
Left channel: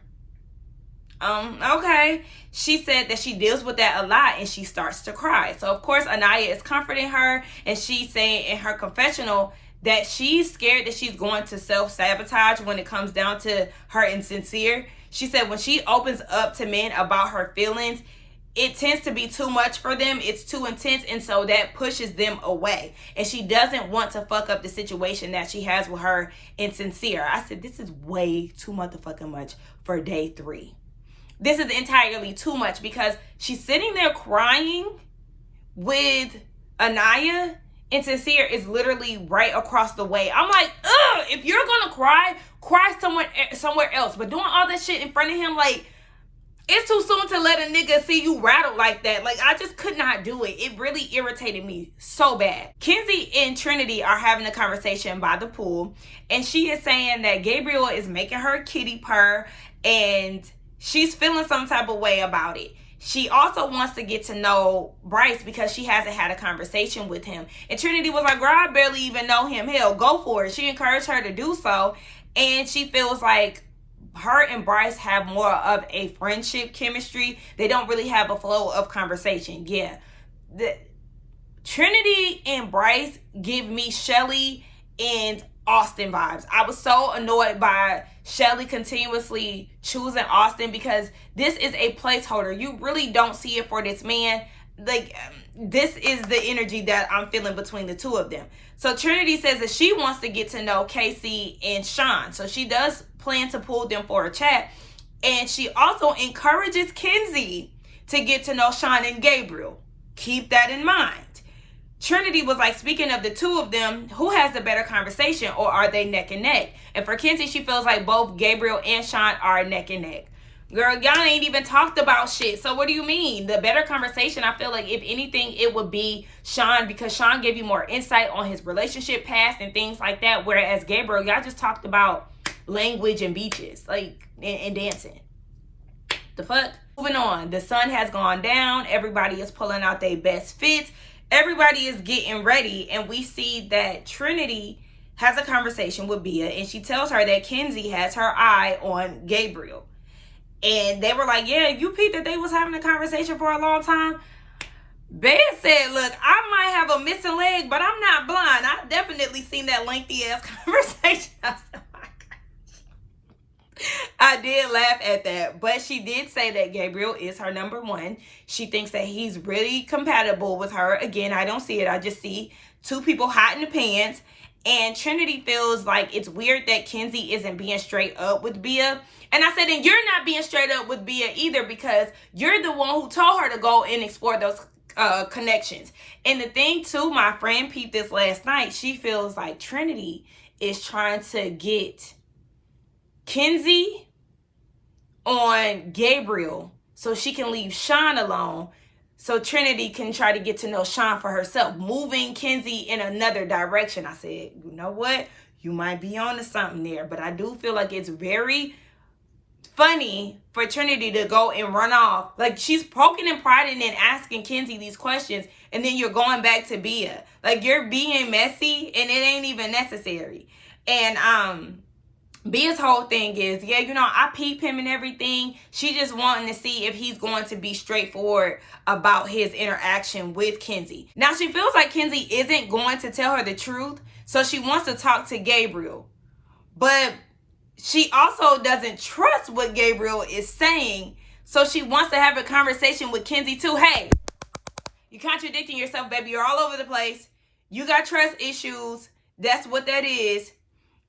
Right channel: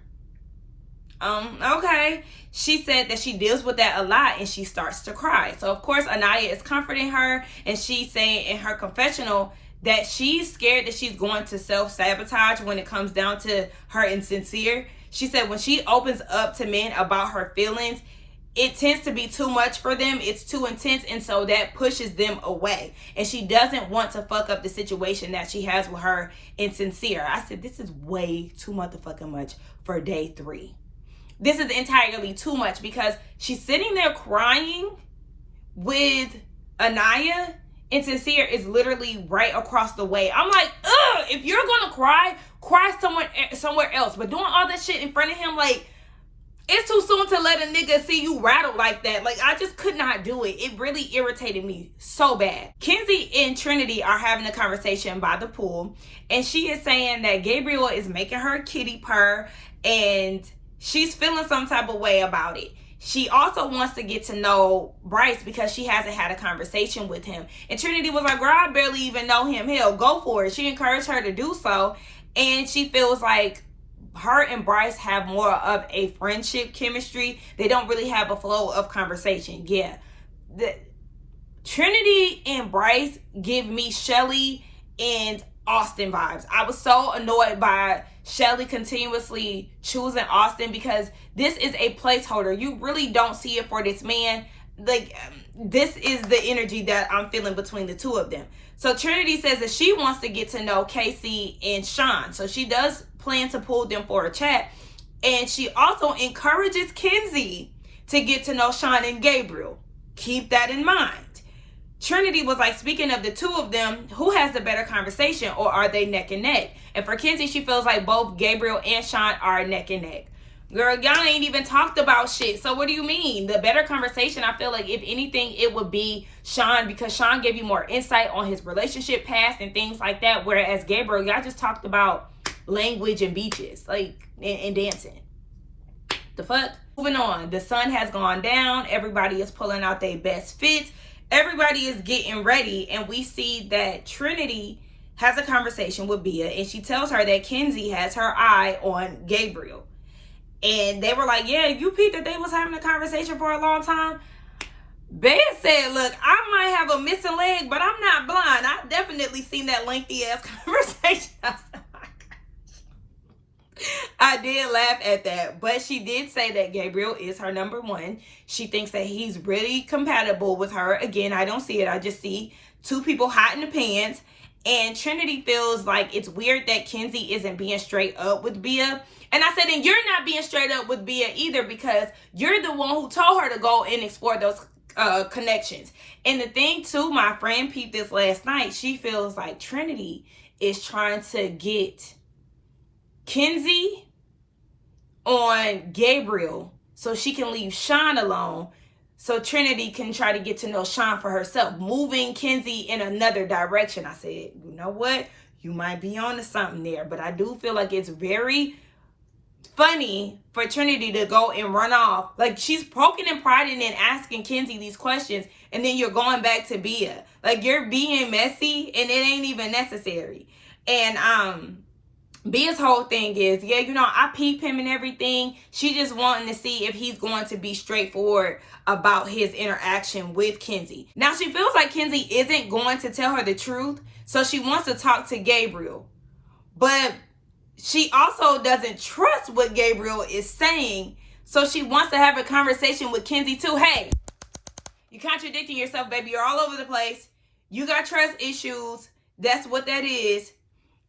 Okay. She said that she deals with that a lot and she starts to cry. So, of course, Anaya is comforting her and she's saying in her confessional that she's scared that she's going to self-sabotage when it comes down to her insincere. She said when she opens up to men about her feelings, it tends to be too much for them. It's too intense, and so that pushes them away. And she doesn't want to fuck up the situation that she has with her insincere. I said, this is way too motherfucking much for day 3. This is entirely too much, because she's sitting there crying with Anaya, and Sincere is literally right across the way. I'm like, ugh, if you're gonna cry somewhere else. But doing all that shit in front of him, like, it's too soon to let a nigga see you rattled like that. Like, I just could not do it. It really irritated me so bad. Kenzie and Trinity are having a conversation by the pool, and she is saying that Gabriel is making her kitty purr, and she's feeling some type of way about it. She also wants to get to know Bryce because she hasn't had a conversation with him. And Trinity was like, girl, I barely even know him. Hell, go for it. She encouraged her to do so. And she feels like her and Bryce have more of a friendship chemistry. They don't really have a flow of conversation. Yeah. Trinity and Bryce give me Shelly and Austin vibes. I was so annoyed by Shelly continuously choosing Austin, because this is a placeholder. You really don't see it for this man. Like, this is the energy that I'm feeling between the two of them. So Trinity says that she wants to get to know Casey and Sean. So she does plan to pull them for a chat. And she also encourages Kenzie to get to know Sean and Gabriel. Keep that in mind. Trinity was like, speaking of the two of them, who has the better conversation, or are they neck and neck? And for Kenzie, she feels like both Gabriel and Sean are neck and neck. Girl, y'all ain't even talked about shit. So what do you mean? The better conversation, I feel like, if anything, it would be Sean, because Sean gave you more insight on his relationship past and things like that. Whereas Gabriel, y'all just talked about language and beaches, like, and dancing. The fuck? Moving on. The sun has gone down. Everybody is pulling out their best fits. Everybody is getting ready. And we see that Trinity has a conversation with Bia, and she tells her that Kenzie has her eye on Gabriel. And they were like, yeah, you peeped that they was having a conversation for a long time. Bea said, look, I might have a missing leg, but I'm not blind. I've definitely seen that lengthy ass conversation. I said, oh my gosh. I did laugh at that. But she did say that Gabriel is her number one. She thinks that he's really compatible with her. Again, I don't see it. I just see two people hot in the pants. And Trinity feels like it's weird that Kenzie isn't being straight up with Bia. And I said, and you're not being straight up with Bia either, because you're the one who told her to go and explore those connections. And the thing too, my friend peeped this last night. She feels like Trinity is trying to get Kenzie on Gabriel so she can leave Sean alone, so Trinity can try to get to know Sean for herself, moving Kenzie in another direction. I said, you know what? You might be on to something there, but I do feel like it's very funny for Trinity to go and run off. Like, she's poking and prodding and asking Kenzie these questions, and then you're going back to Bia. Like, you're being messy, and it ain't even necessary. And Bia's whole thing is, yeah, you know, I peep him and everything. She just wanting to see if he's going to be straightforward about his interaction with Kenzie. Now, she feels like Kenzie isn't going to tell her the truth, so she wants to talk to Gabriel. But she also doesn't trust what Gabriel is saying, so she wants to have a conversation with Kenzie too. Hey, you're contradicting yourself, baby. You're all over the place. You got trust issues. That's what that is.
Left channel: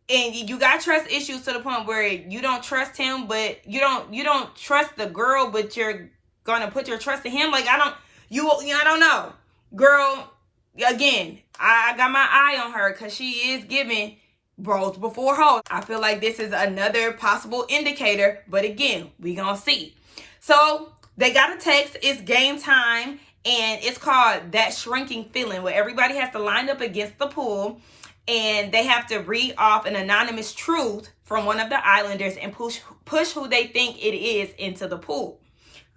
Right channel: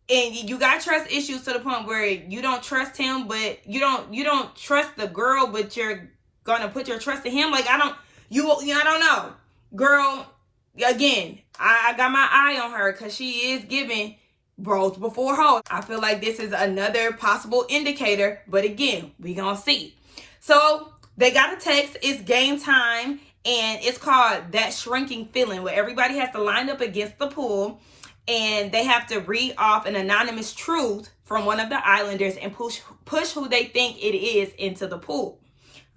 And you got trust issues to the point where you don't trust him, but you don't trust the girl, but you're gonna put your trust in him. Like, I don't know. Girl, again, I got my eye on her because she is giving bros before hoes. I feel like this is another possible indicator, but again, we gonna see. So they got a text. It's game time, and it's called That Shrinking Feeling, where everybody has to line up against the pool, and they have to read off an anonymous truth from one of the islanders and push who they think it is into the pool.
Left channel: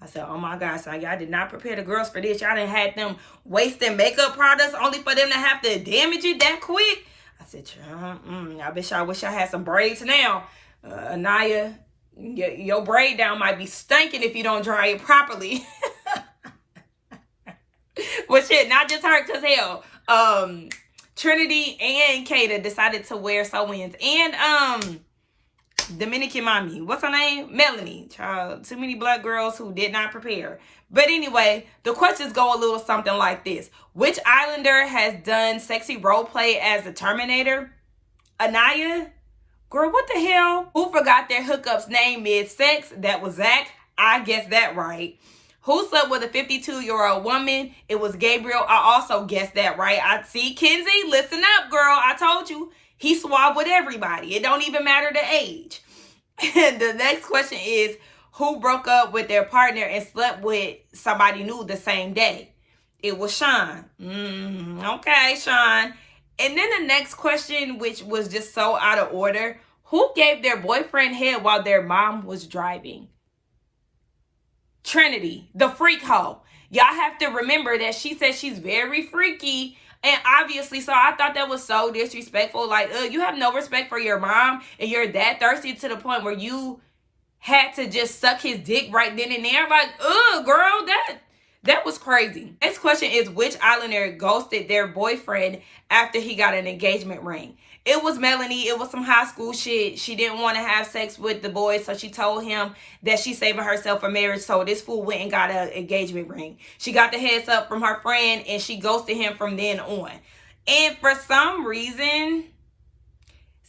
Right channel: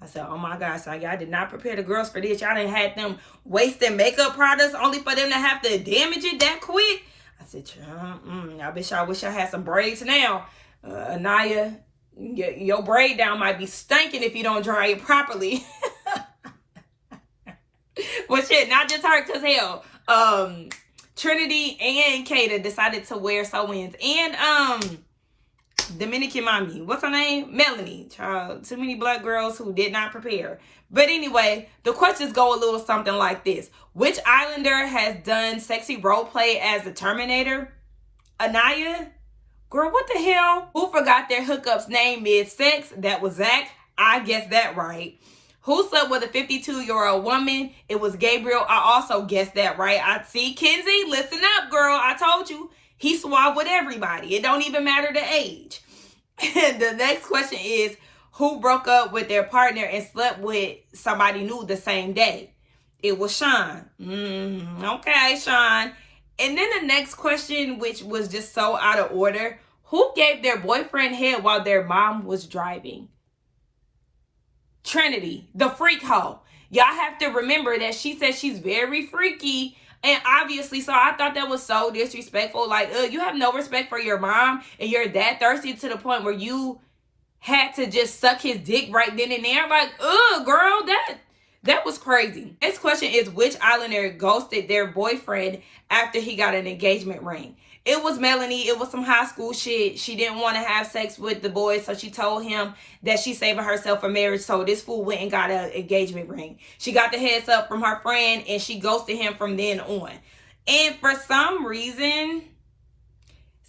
I said, oh my gosh, so y'all did not prepare the girls for this. Y'all done had them wasting makeup products only for them to have to damage it that quick. I said, I wish I had some braids now. Anaya, your braid down might be stinking if you don't dry it properly. Well, shit, not just her, because hell, Trinity and Kata decided to wear sew-ins. And Dominican mommy, what's her name? Melanie. Child, too many black girls who did not prepare. But anyway, the questions go a little something like this. Which Islander has done sexy role play as the Terminator? Anaya? Girl, what the hell? Who forgot their hookup's name mid-sex? That was Zach. I guessed that right. Who slept with a 52-year-old woman? It was Gabriel. I also guessed that right. I see, Kenzie, listen up, girl. I told you. He swabbed with everybody. It don't even matter the age. And the next question is, who broke up with their partner and slept with somebody new the same day? It was Sean. Okay, Sean. And then the next question, which was just so out of order, who gave their boyfriend head while their mom was driving? Trinity, the freak hoe. Y'all have to remember that she said she's very freaky. And obviously, so I thought that was so disrespectful. Like, you have no respect for your mom and you're that thirsty to the point where you had to just suck his dick right then and there. Like, girl, that was crazy. Next question is, which Islander ghosted their boyfriend after he got an engagement ring? It was Melanie. It was some high school shit. She didn't want to have sex with the boy, so she told him that she's saving herself for marriage. So this fool went and got an engagement ring. She got the heads up from her friend, and she ghosted him from then on. And for some reason,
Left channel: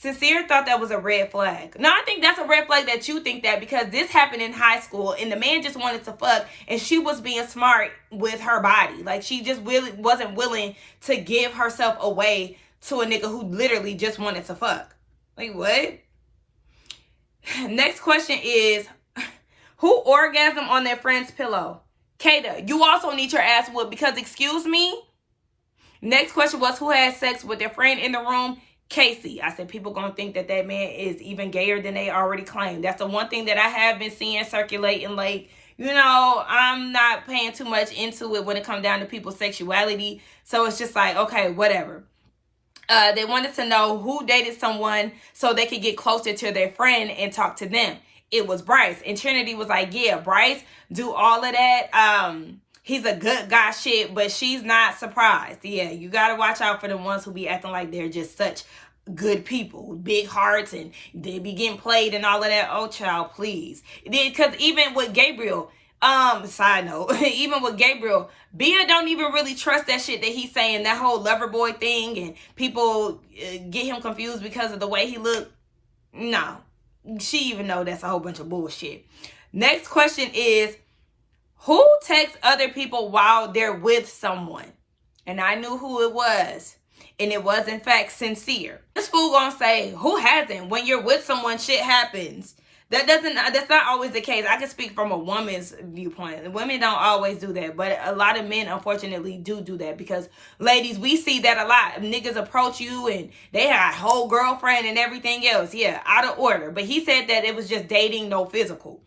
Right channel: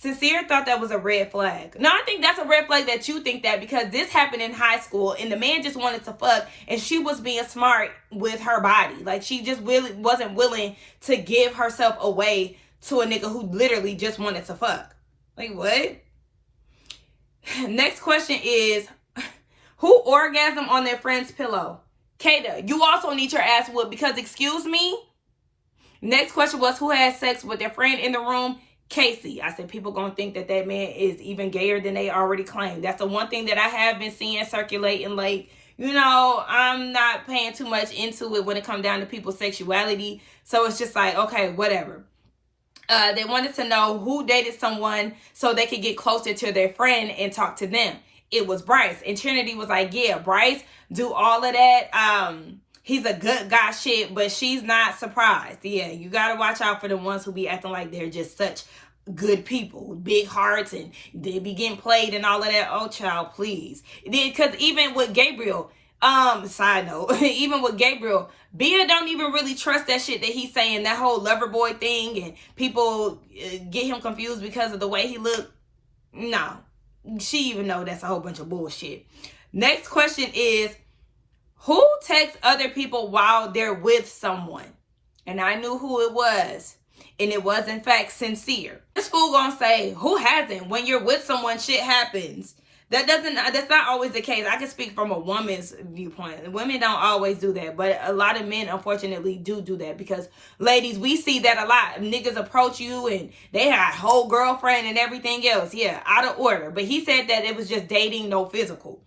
Sincere thought that was a red flag. No, I think that's a red flag that you think that, because this happened in high school and the man just wanted to fuck and she was being smart with her body. Like, she just really wasn't willing to give herself away to a nigga who literally just wanted to fuck. Like, what? Next question is, who orgasmed on their friend's pillow? Kata, you also need your ass whooped because, excuse me? Next question was, who had sex with their friend in the room? Casey. I said, people gonna think that that man is even gayer than they already claim. That's the one thing that I have been seeing circulating. Like, you know, I'm not paying too much into it when it comes down to people's sexuality. So it's just like, okay, whatever. They wanted to know who dated someone so they could get closer to their friend and talk to them. It was Bryce. And Trinity was like, yeah, Bryce do all of that. He's a good guy shit, but she's not surprised. Yeah, you got to watch out for the ones who be acting like they're just such good people with big hearts and they be getting played and all of that. Oh, child, please. Because even with Gabriel, side note, even with Gabriel, Bia don't even really trust that shit that he's saying, that whole lover boy thing, and people get him confused because of the way he look. No, she even know that's a whole bunch of bullshit. Next question is, who texts other people while they're with someone? And I knew who it was. And it was, in fact, Sincere. This fool gonna say, who hasn't? When you're with someone, shit happens. That's not always the case. I can speak from a woman's viewpoint. Women don't always do that. But a lot of men, unfortunately, do that. Because, ladies, we see that a lot. Niggas approach you and they have a whole girlfriend and everything else. Yeah, out of order. But he said that it was just dating, no physical.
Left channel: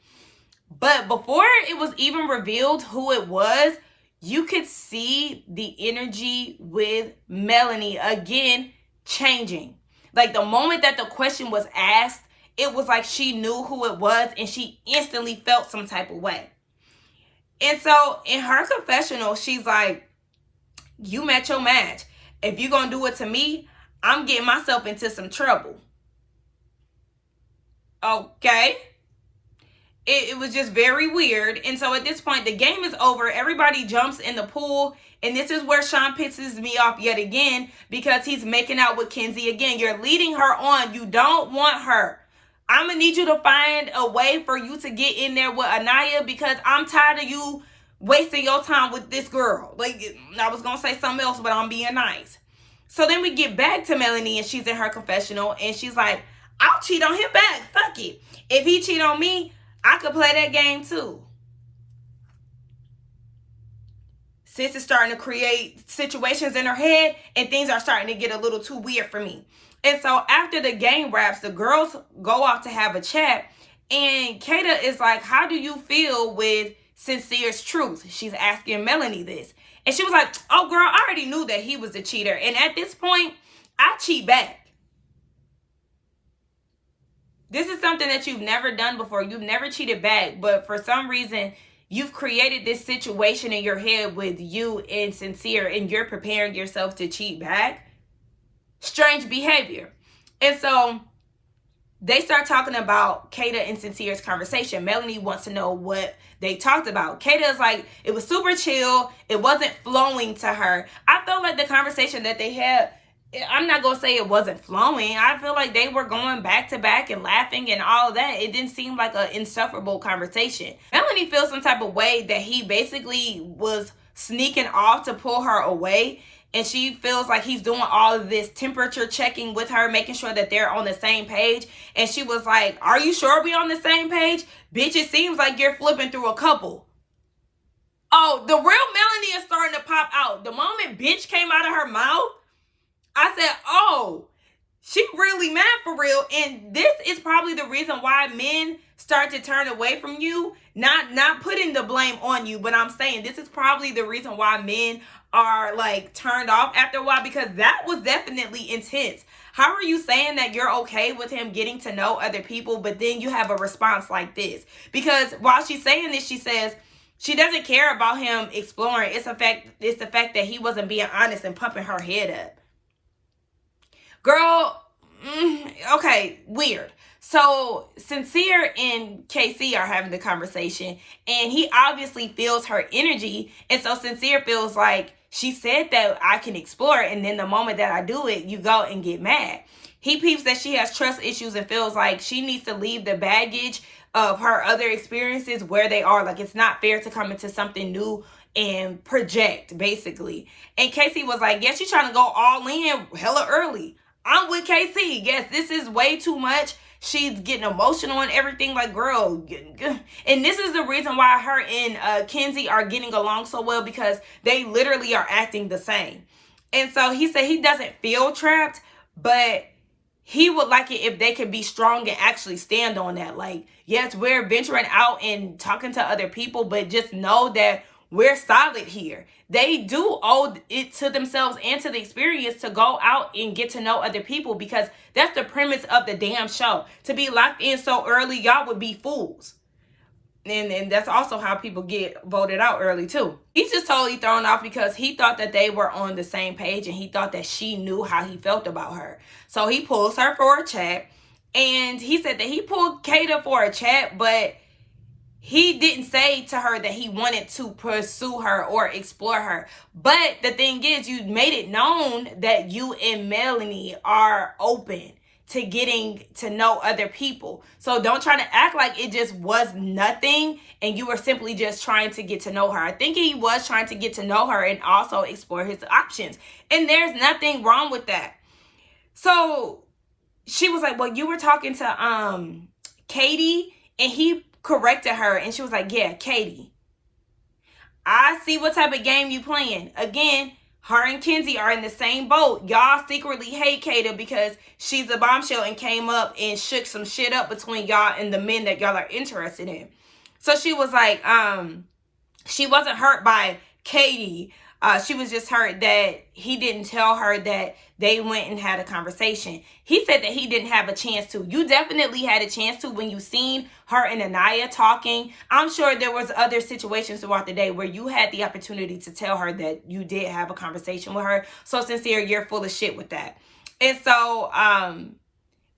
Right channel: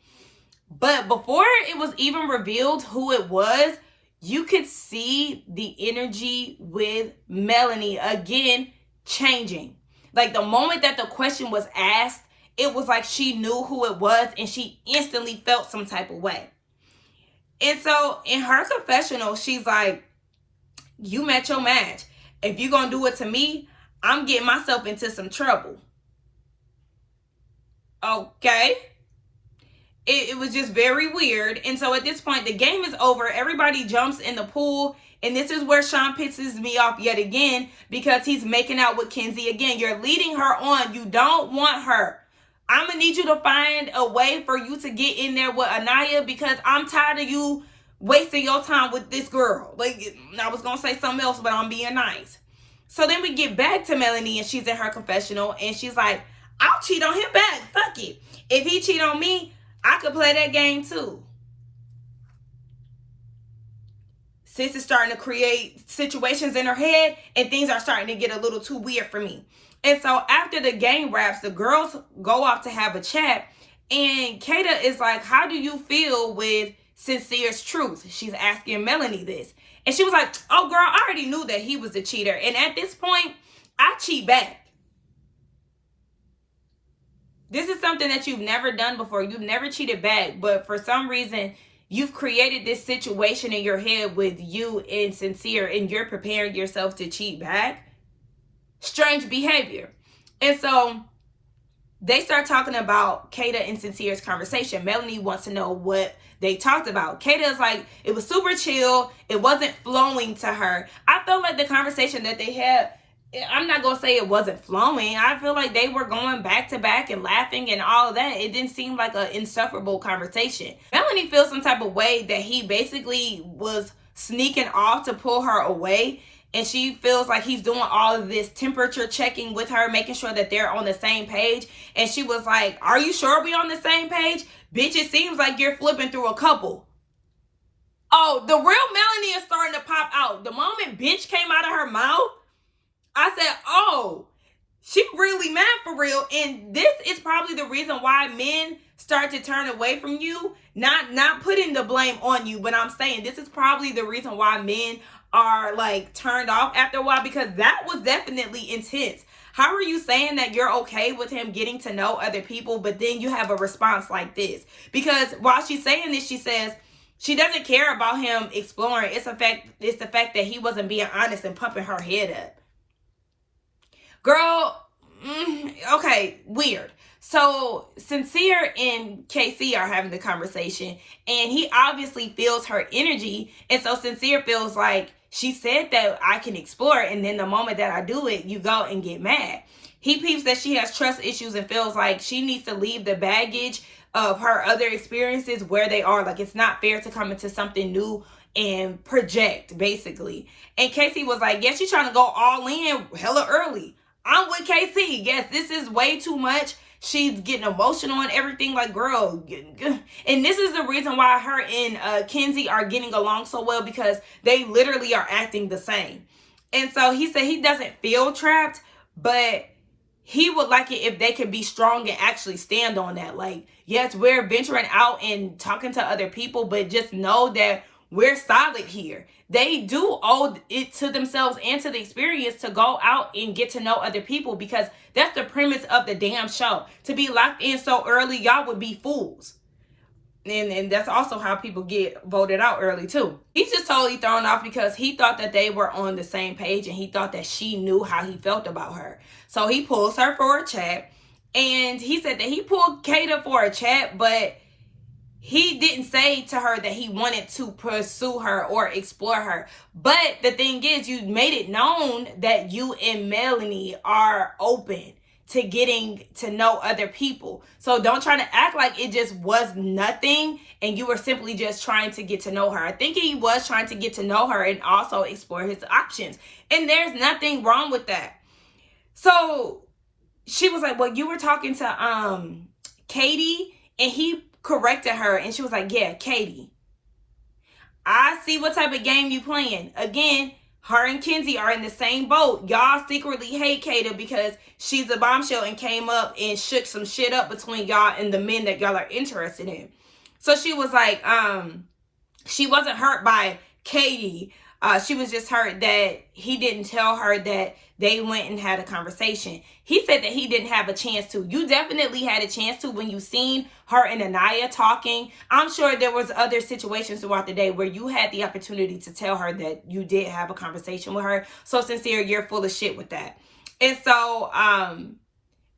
But before it was even revealed who it was, you could see the energy with Melanie again changing. Like, the moment that the question was asked, it was like she knew who it was and she instantly felt some type of way. And so in her confessional, she's like, you met your match. If you're going to do it to me, I'm getting myself into some trouble. Okay. It was just very weird. And so at this point, the game is over. Everybody jumps in the pool. And this is where Sean pisses me off yet again, because he's making out with Kenzie again. You're leading her on. You don't want her. I'm going to need you to find a way for you to get in there with Anaya, because I'm tired of you wasting your time with this girl. Like, I was going to say something else, but I'm being nice. So then we get back to Melanie, and she's in her confessional, and she's like, I'll cheat on him back. Fuck it. If he cheat on me, I could play that game too. Sis is starting to create situations in her head, and things are starting to get a little too weird for me. And so after the game wraps, the girls go off to have a chat, and Kata is like, how do you feel with Sincere's truth? She's asking Melanie this. And she was like, oh girl, I already knew that he was the cheater. And at this point, I cheat back. This is something that you've never done before. You've never cheated back, but for some reason, you've created this situation in your head with you and Sincere, and you're preparing yourself to cheat back. strange behavior. And so they start talking about Kata and Sincere's conversation. Melanie wants to know what they talked about. Kata is like, it was super chill. It wasn't flowing to her. I felt like the conversation that they had, I'm not going to say it wasn't flowing. I feel like they were going back to back and laughing and all of that. It didn't seem like an insufferable conversation. Melanie feels some type of way that he basically was sneaking off to pull her away. And she feels like he's doing all of this temperature checking with her, making sure that they're on the same page. And she was like, are you sure we on the same page? Bitch, it seems like you're flipping through a couple. Oh, the real Melanie is starting to pop out. The moment bitch came out of her mouth, I said, oh, she really mad for real. And this is probably the reason why men start to turn away from you. Not putting the blame on you, but I'm saying this is probably the reason why men are like turned off after a while, because that was definitely intense. How are you saying that you're okay with him getting to know other people, but then you have a response like this? Because while she's saying this, she says she doesn't care about him exploring. It's the fact that he wasn't being honest and pumping her head up. Girl, okay, weird. So Sincere and KC are having the conversation, and he obviously feels her energy. And so Sincere feels like, she said that I can explore, and then the moment that I do it, you go and get mad. He peeps that she has trust issues and feels like she needs to leave the baggage of her other experiences where they are. Like, it's not fair to come into something new and project, basically. And Casey was like, yeah, she's trying to go all in hella early. I'm with KC. Yes, this is way too much. She's getting emotional and everything. Like, girl. And this is the reason why her and Kenzie are getting along so well, because they literally are acting the same. And so he said he doesn't feel trapped, but he would like it if they could be strong and actually stand on that. Like, yes, we're venturing out and talking to other people, but just know that we're solid here. They do owe it to themselves and to the experience to go out and get to know other people, because that's the premise of the damn show. To be locked in so early, y'all would be fools. And that's also how people get voted out early too. He's just totally thrown off because he thought that they were on the same page, and he thought that she knew how he felt about her. So he pulls her for a chat, and he said that he pulled Kata for a chat, but he didn't say to her that he wanted to pursue her or explore her. But the thing is, you made it known that you and Melanie are open to getting to know other people. So don't try to act like it just was nothing and you were simply just trying to get to know her. I think he was trying to get to know her and also explore his options. And there's nothing wrong with that. So she was like, well, you were talking to Katie, and he corrected her, and she was like, yeah, Katie, I see what type of game you playing. Again, her and Kenzie are in the same boat. Y'all secretly hate Kata because she's a bombshell and came up and shook some shit up between y'all and the men that y'all are interested in. So she was like, she wasn't hurt by Katie. She was just hurt that he didn't tell her that they went and had a conversation. He said that he didn't have a chance to. You definitely had a chance to when you seen her and Anaya talking. I'm sure there was other situations throughout the day where you had the opportunity to tell her that you did have a conversation with her. So Sincere, you're full of shit with that. And so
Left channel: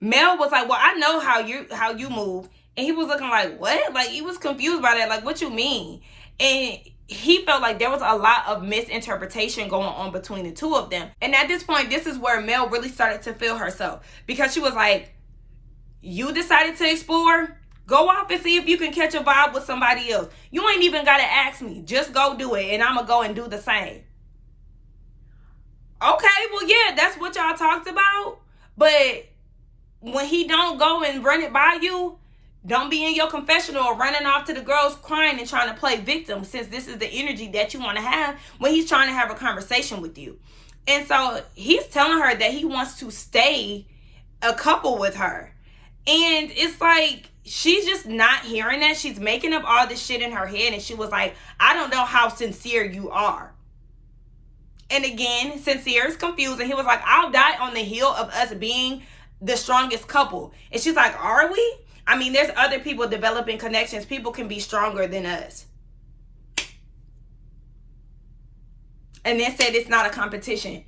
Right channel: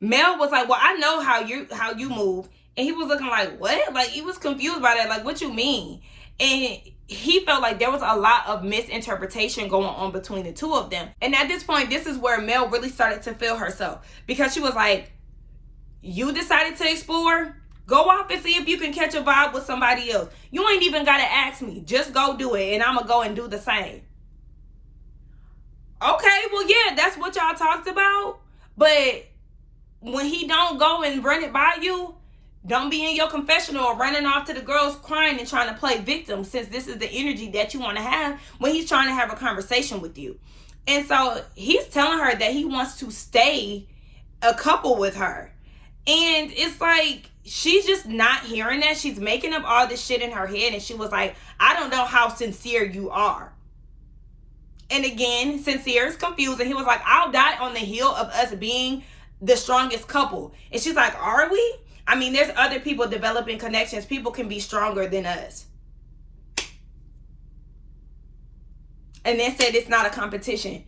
Mel was like, well, I know how you move. And he was looking like, what? Like, he was confused by that. Like, what you mean? And he felt like there was a lot of misinterpretation going on between the two of them. And at this point, this is where Mel really started to feel herself, because she was like, you decided to explore? Go off and see if you can catch a vibe with somebody else. You ain't even got to ask me. Just go do it, and I'm going to go and do the same. Okay, well, yeah, that's what y'all talked about. But when he don't go and run it by you, don't be in your confessional or running off to the girls crying and trying to play victim, since this is the energy that you want to have when he's trying to have a conversation with you. And so he's telling her that he wants to stay a couple with her. And it's like, she's just not hearing that. She's making up all this shit in her head. And she was like, I don't know how sincere you are. And again, Sincere is confused. And he was like, I'll die on the hill of us being the strongest couple. And she's like, are we? I mean, there's other people developing connections. People can be stronger than us. And then said it's not a competition.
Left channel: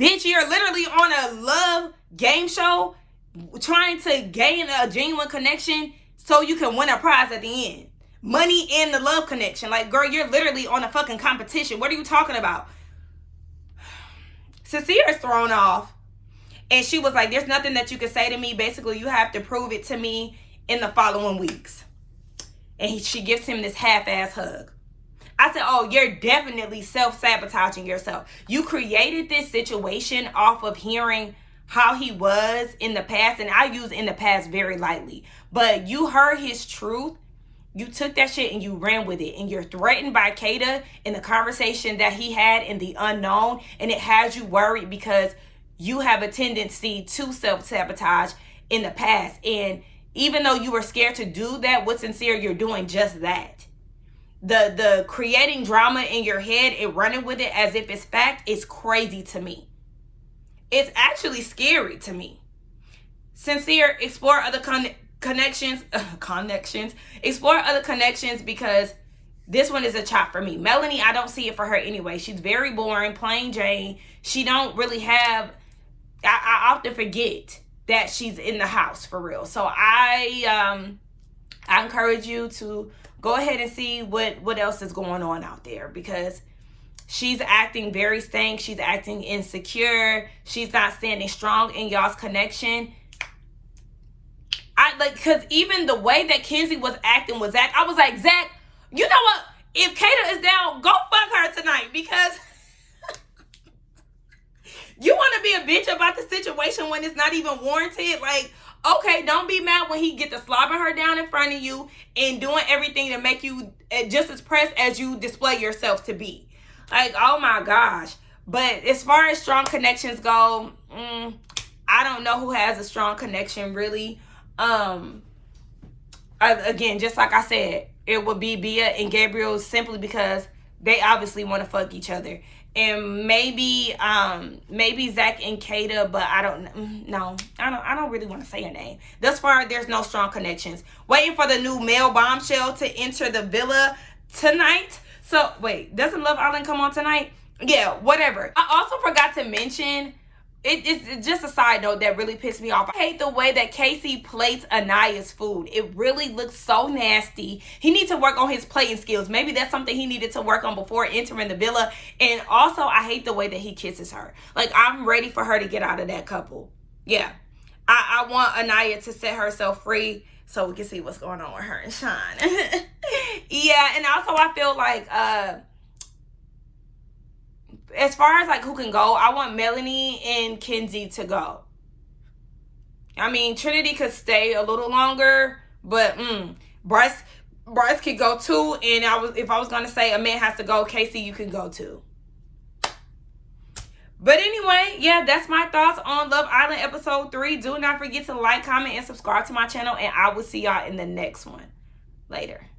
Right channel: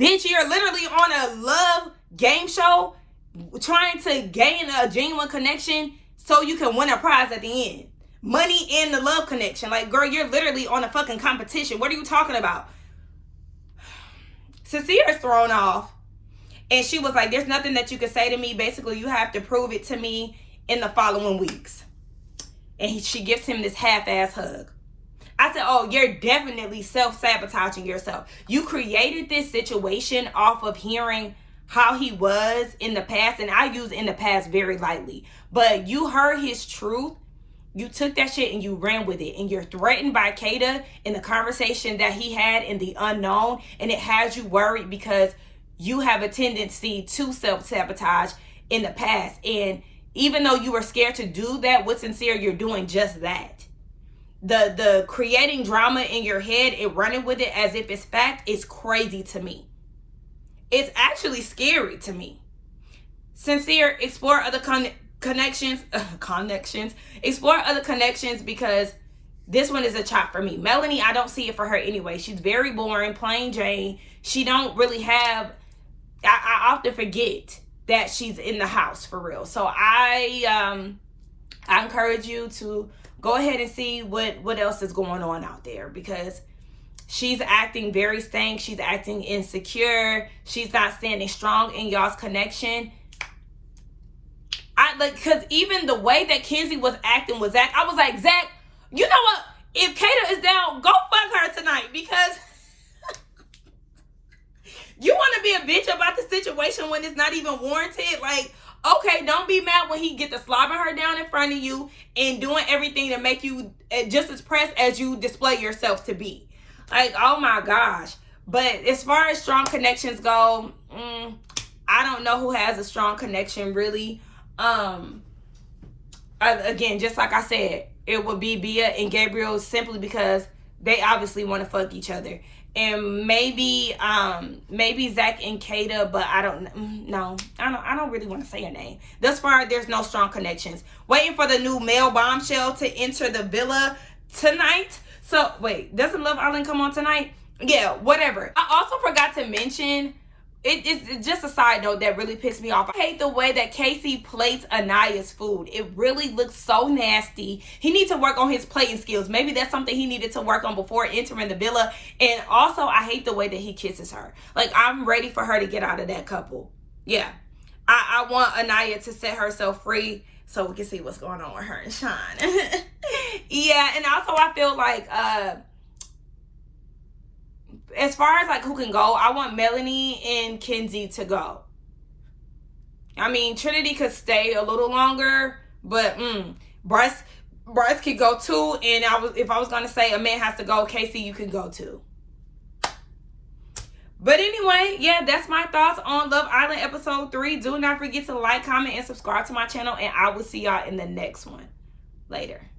Bitch, you're literally on a love game show trying to gain a genuine connection so you can win a prize at the end. Money and the love connection. Like, girl, you're literally on a fucking competition. What are you talking about? Sincere's thrown off. And she was like, there's nothing that you can say to me. Basically, you have to prove it to me in the following weeks. And she gives him this half-ass hug. I said, oh, you're definitely self-sabotaging yourself. You created this situation off of hearing how he was in the past. And I use in the past very lightly. But you heard his truth. You took that shit and you ran with it. And you're threatened by Kata in the conversation that he had in the unknown. And it has you worried because you have a tendency to self-sabotage in the past. And even though you were scared to do that with Sincere, you're doing just that. The creating drama in your head and running with it as if it's fact is crazy to me. It's actually scary to me. Sincere, explore other connections. Explore other connections because this one is a chop for me. Melanie, I don't see it for her anyway. She's very boring, plain Jane. She don't really have... I often forget that she's in the house for real. So I encourage you to go ahead and see what else is going on out there because she's acting very stank. She's acting insecure. She's not standing strong in y'all's connection. Because even the way that Kenzie was acting with Zach, I was like, Zach, you know what? If Kata is down, go fuck her tonight because... You want to be a bitch about the situation when it's not even warranted? Like, okay, don't be mad when he get to slobbing her down in front of you and doing everything to make you just as pressed as you display yourself to be. Like, oh my gosh. But as far as strong connections go, I don't know who has a strong connection really. Again, just like I said, it would be Bia and Gabriel simply because they obviously want to fuck each other. And maybe Zach and Kata, but I don't really want to say a name. Thus far, there's no strong connections. Waiting for the new male bombshell to enter the villa tonight. So wait, doesn't Love Island come on tonight? Yeah, whatever. I also forgot to mention, it's just a side note that really pissed me off. I hate the way that Casey plates Anaya's food. It really looks so nasty. He needs to work on his plating skills. Maybe that's something he needed to work on before entering the villa. And also, I hate the way that he kisses her. Like, I'm ready for her to get out of that couple. Yeah. I want Anaya to set herself free so we can see what's going on with her and Sean. Yeah, and also I feel like... as far as like who can go, I want Melanie and Kenzie to go. I mean, Trinity could stay a little longer, but Bryce could go too. And if I was gonna say a man has to go, Casey, you can go too. But anyway, yeah, that's my thoughts on Love Island episode 3. Do not forget to like, comment, and subscribe to my channel, and I will see y'all in the next one. Later.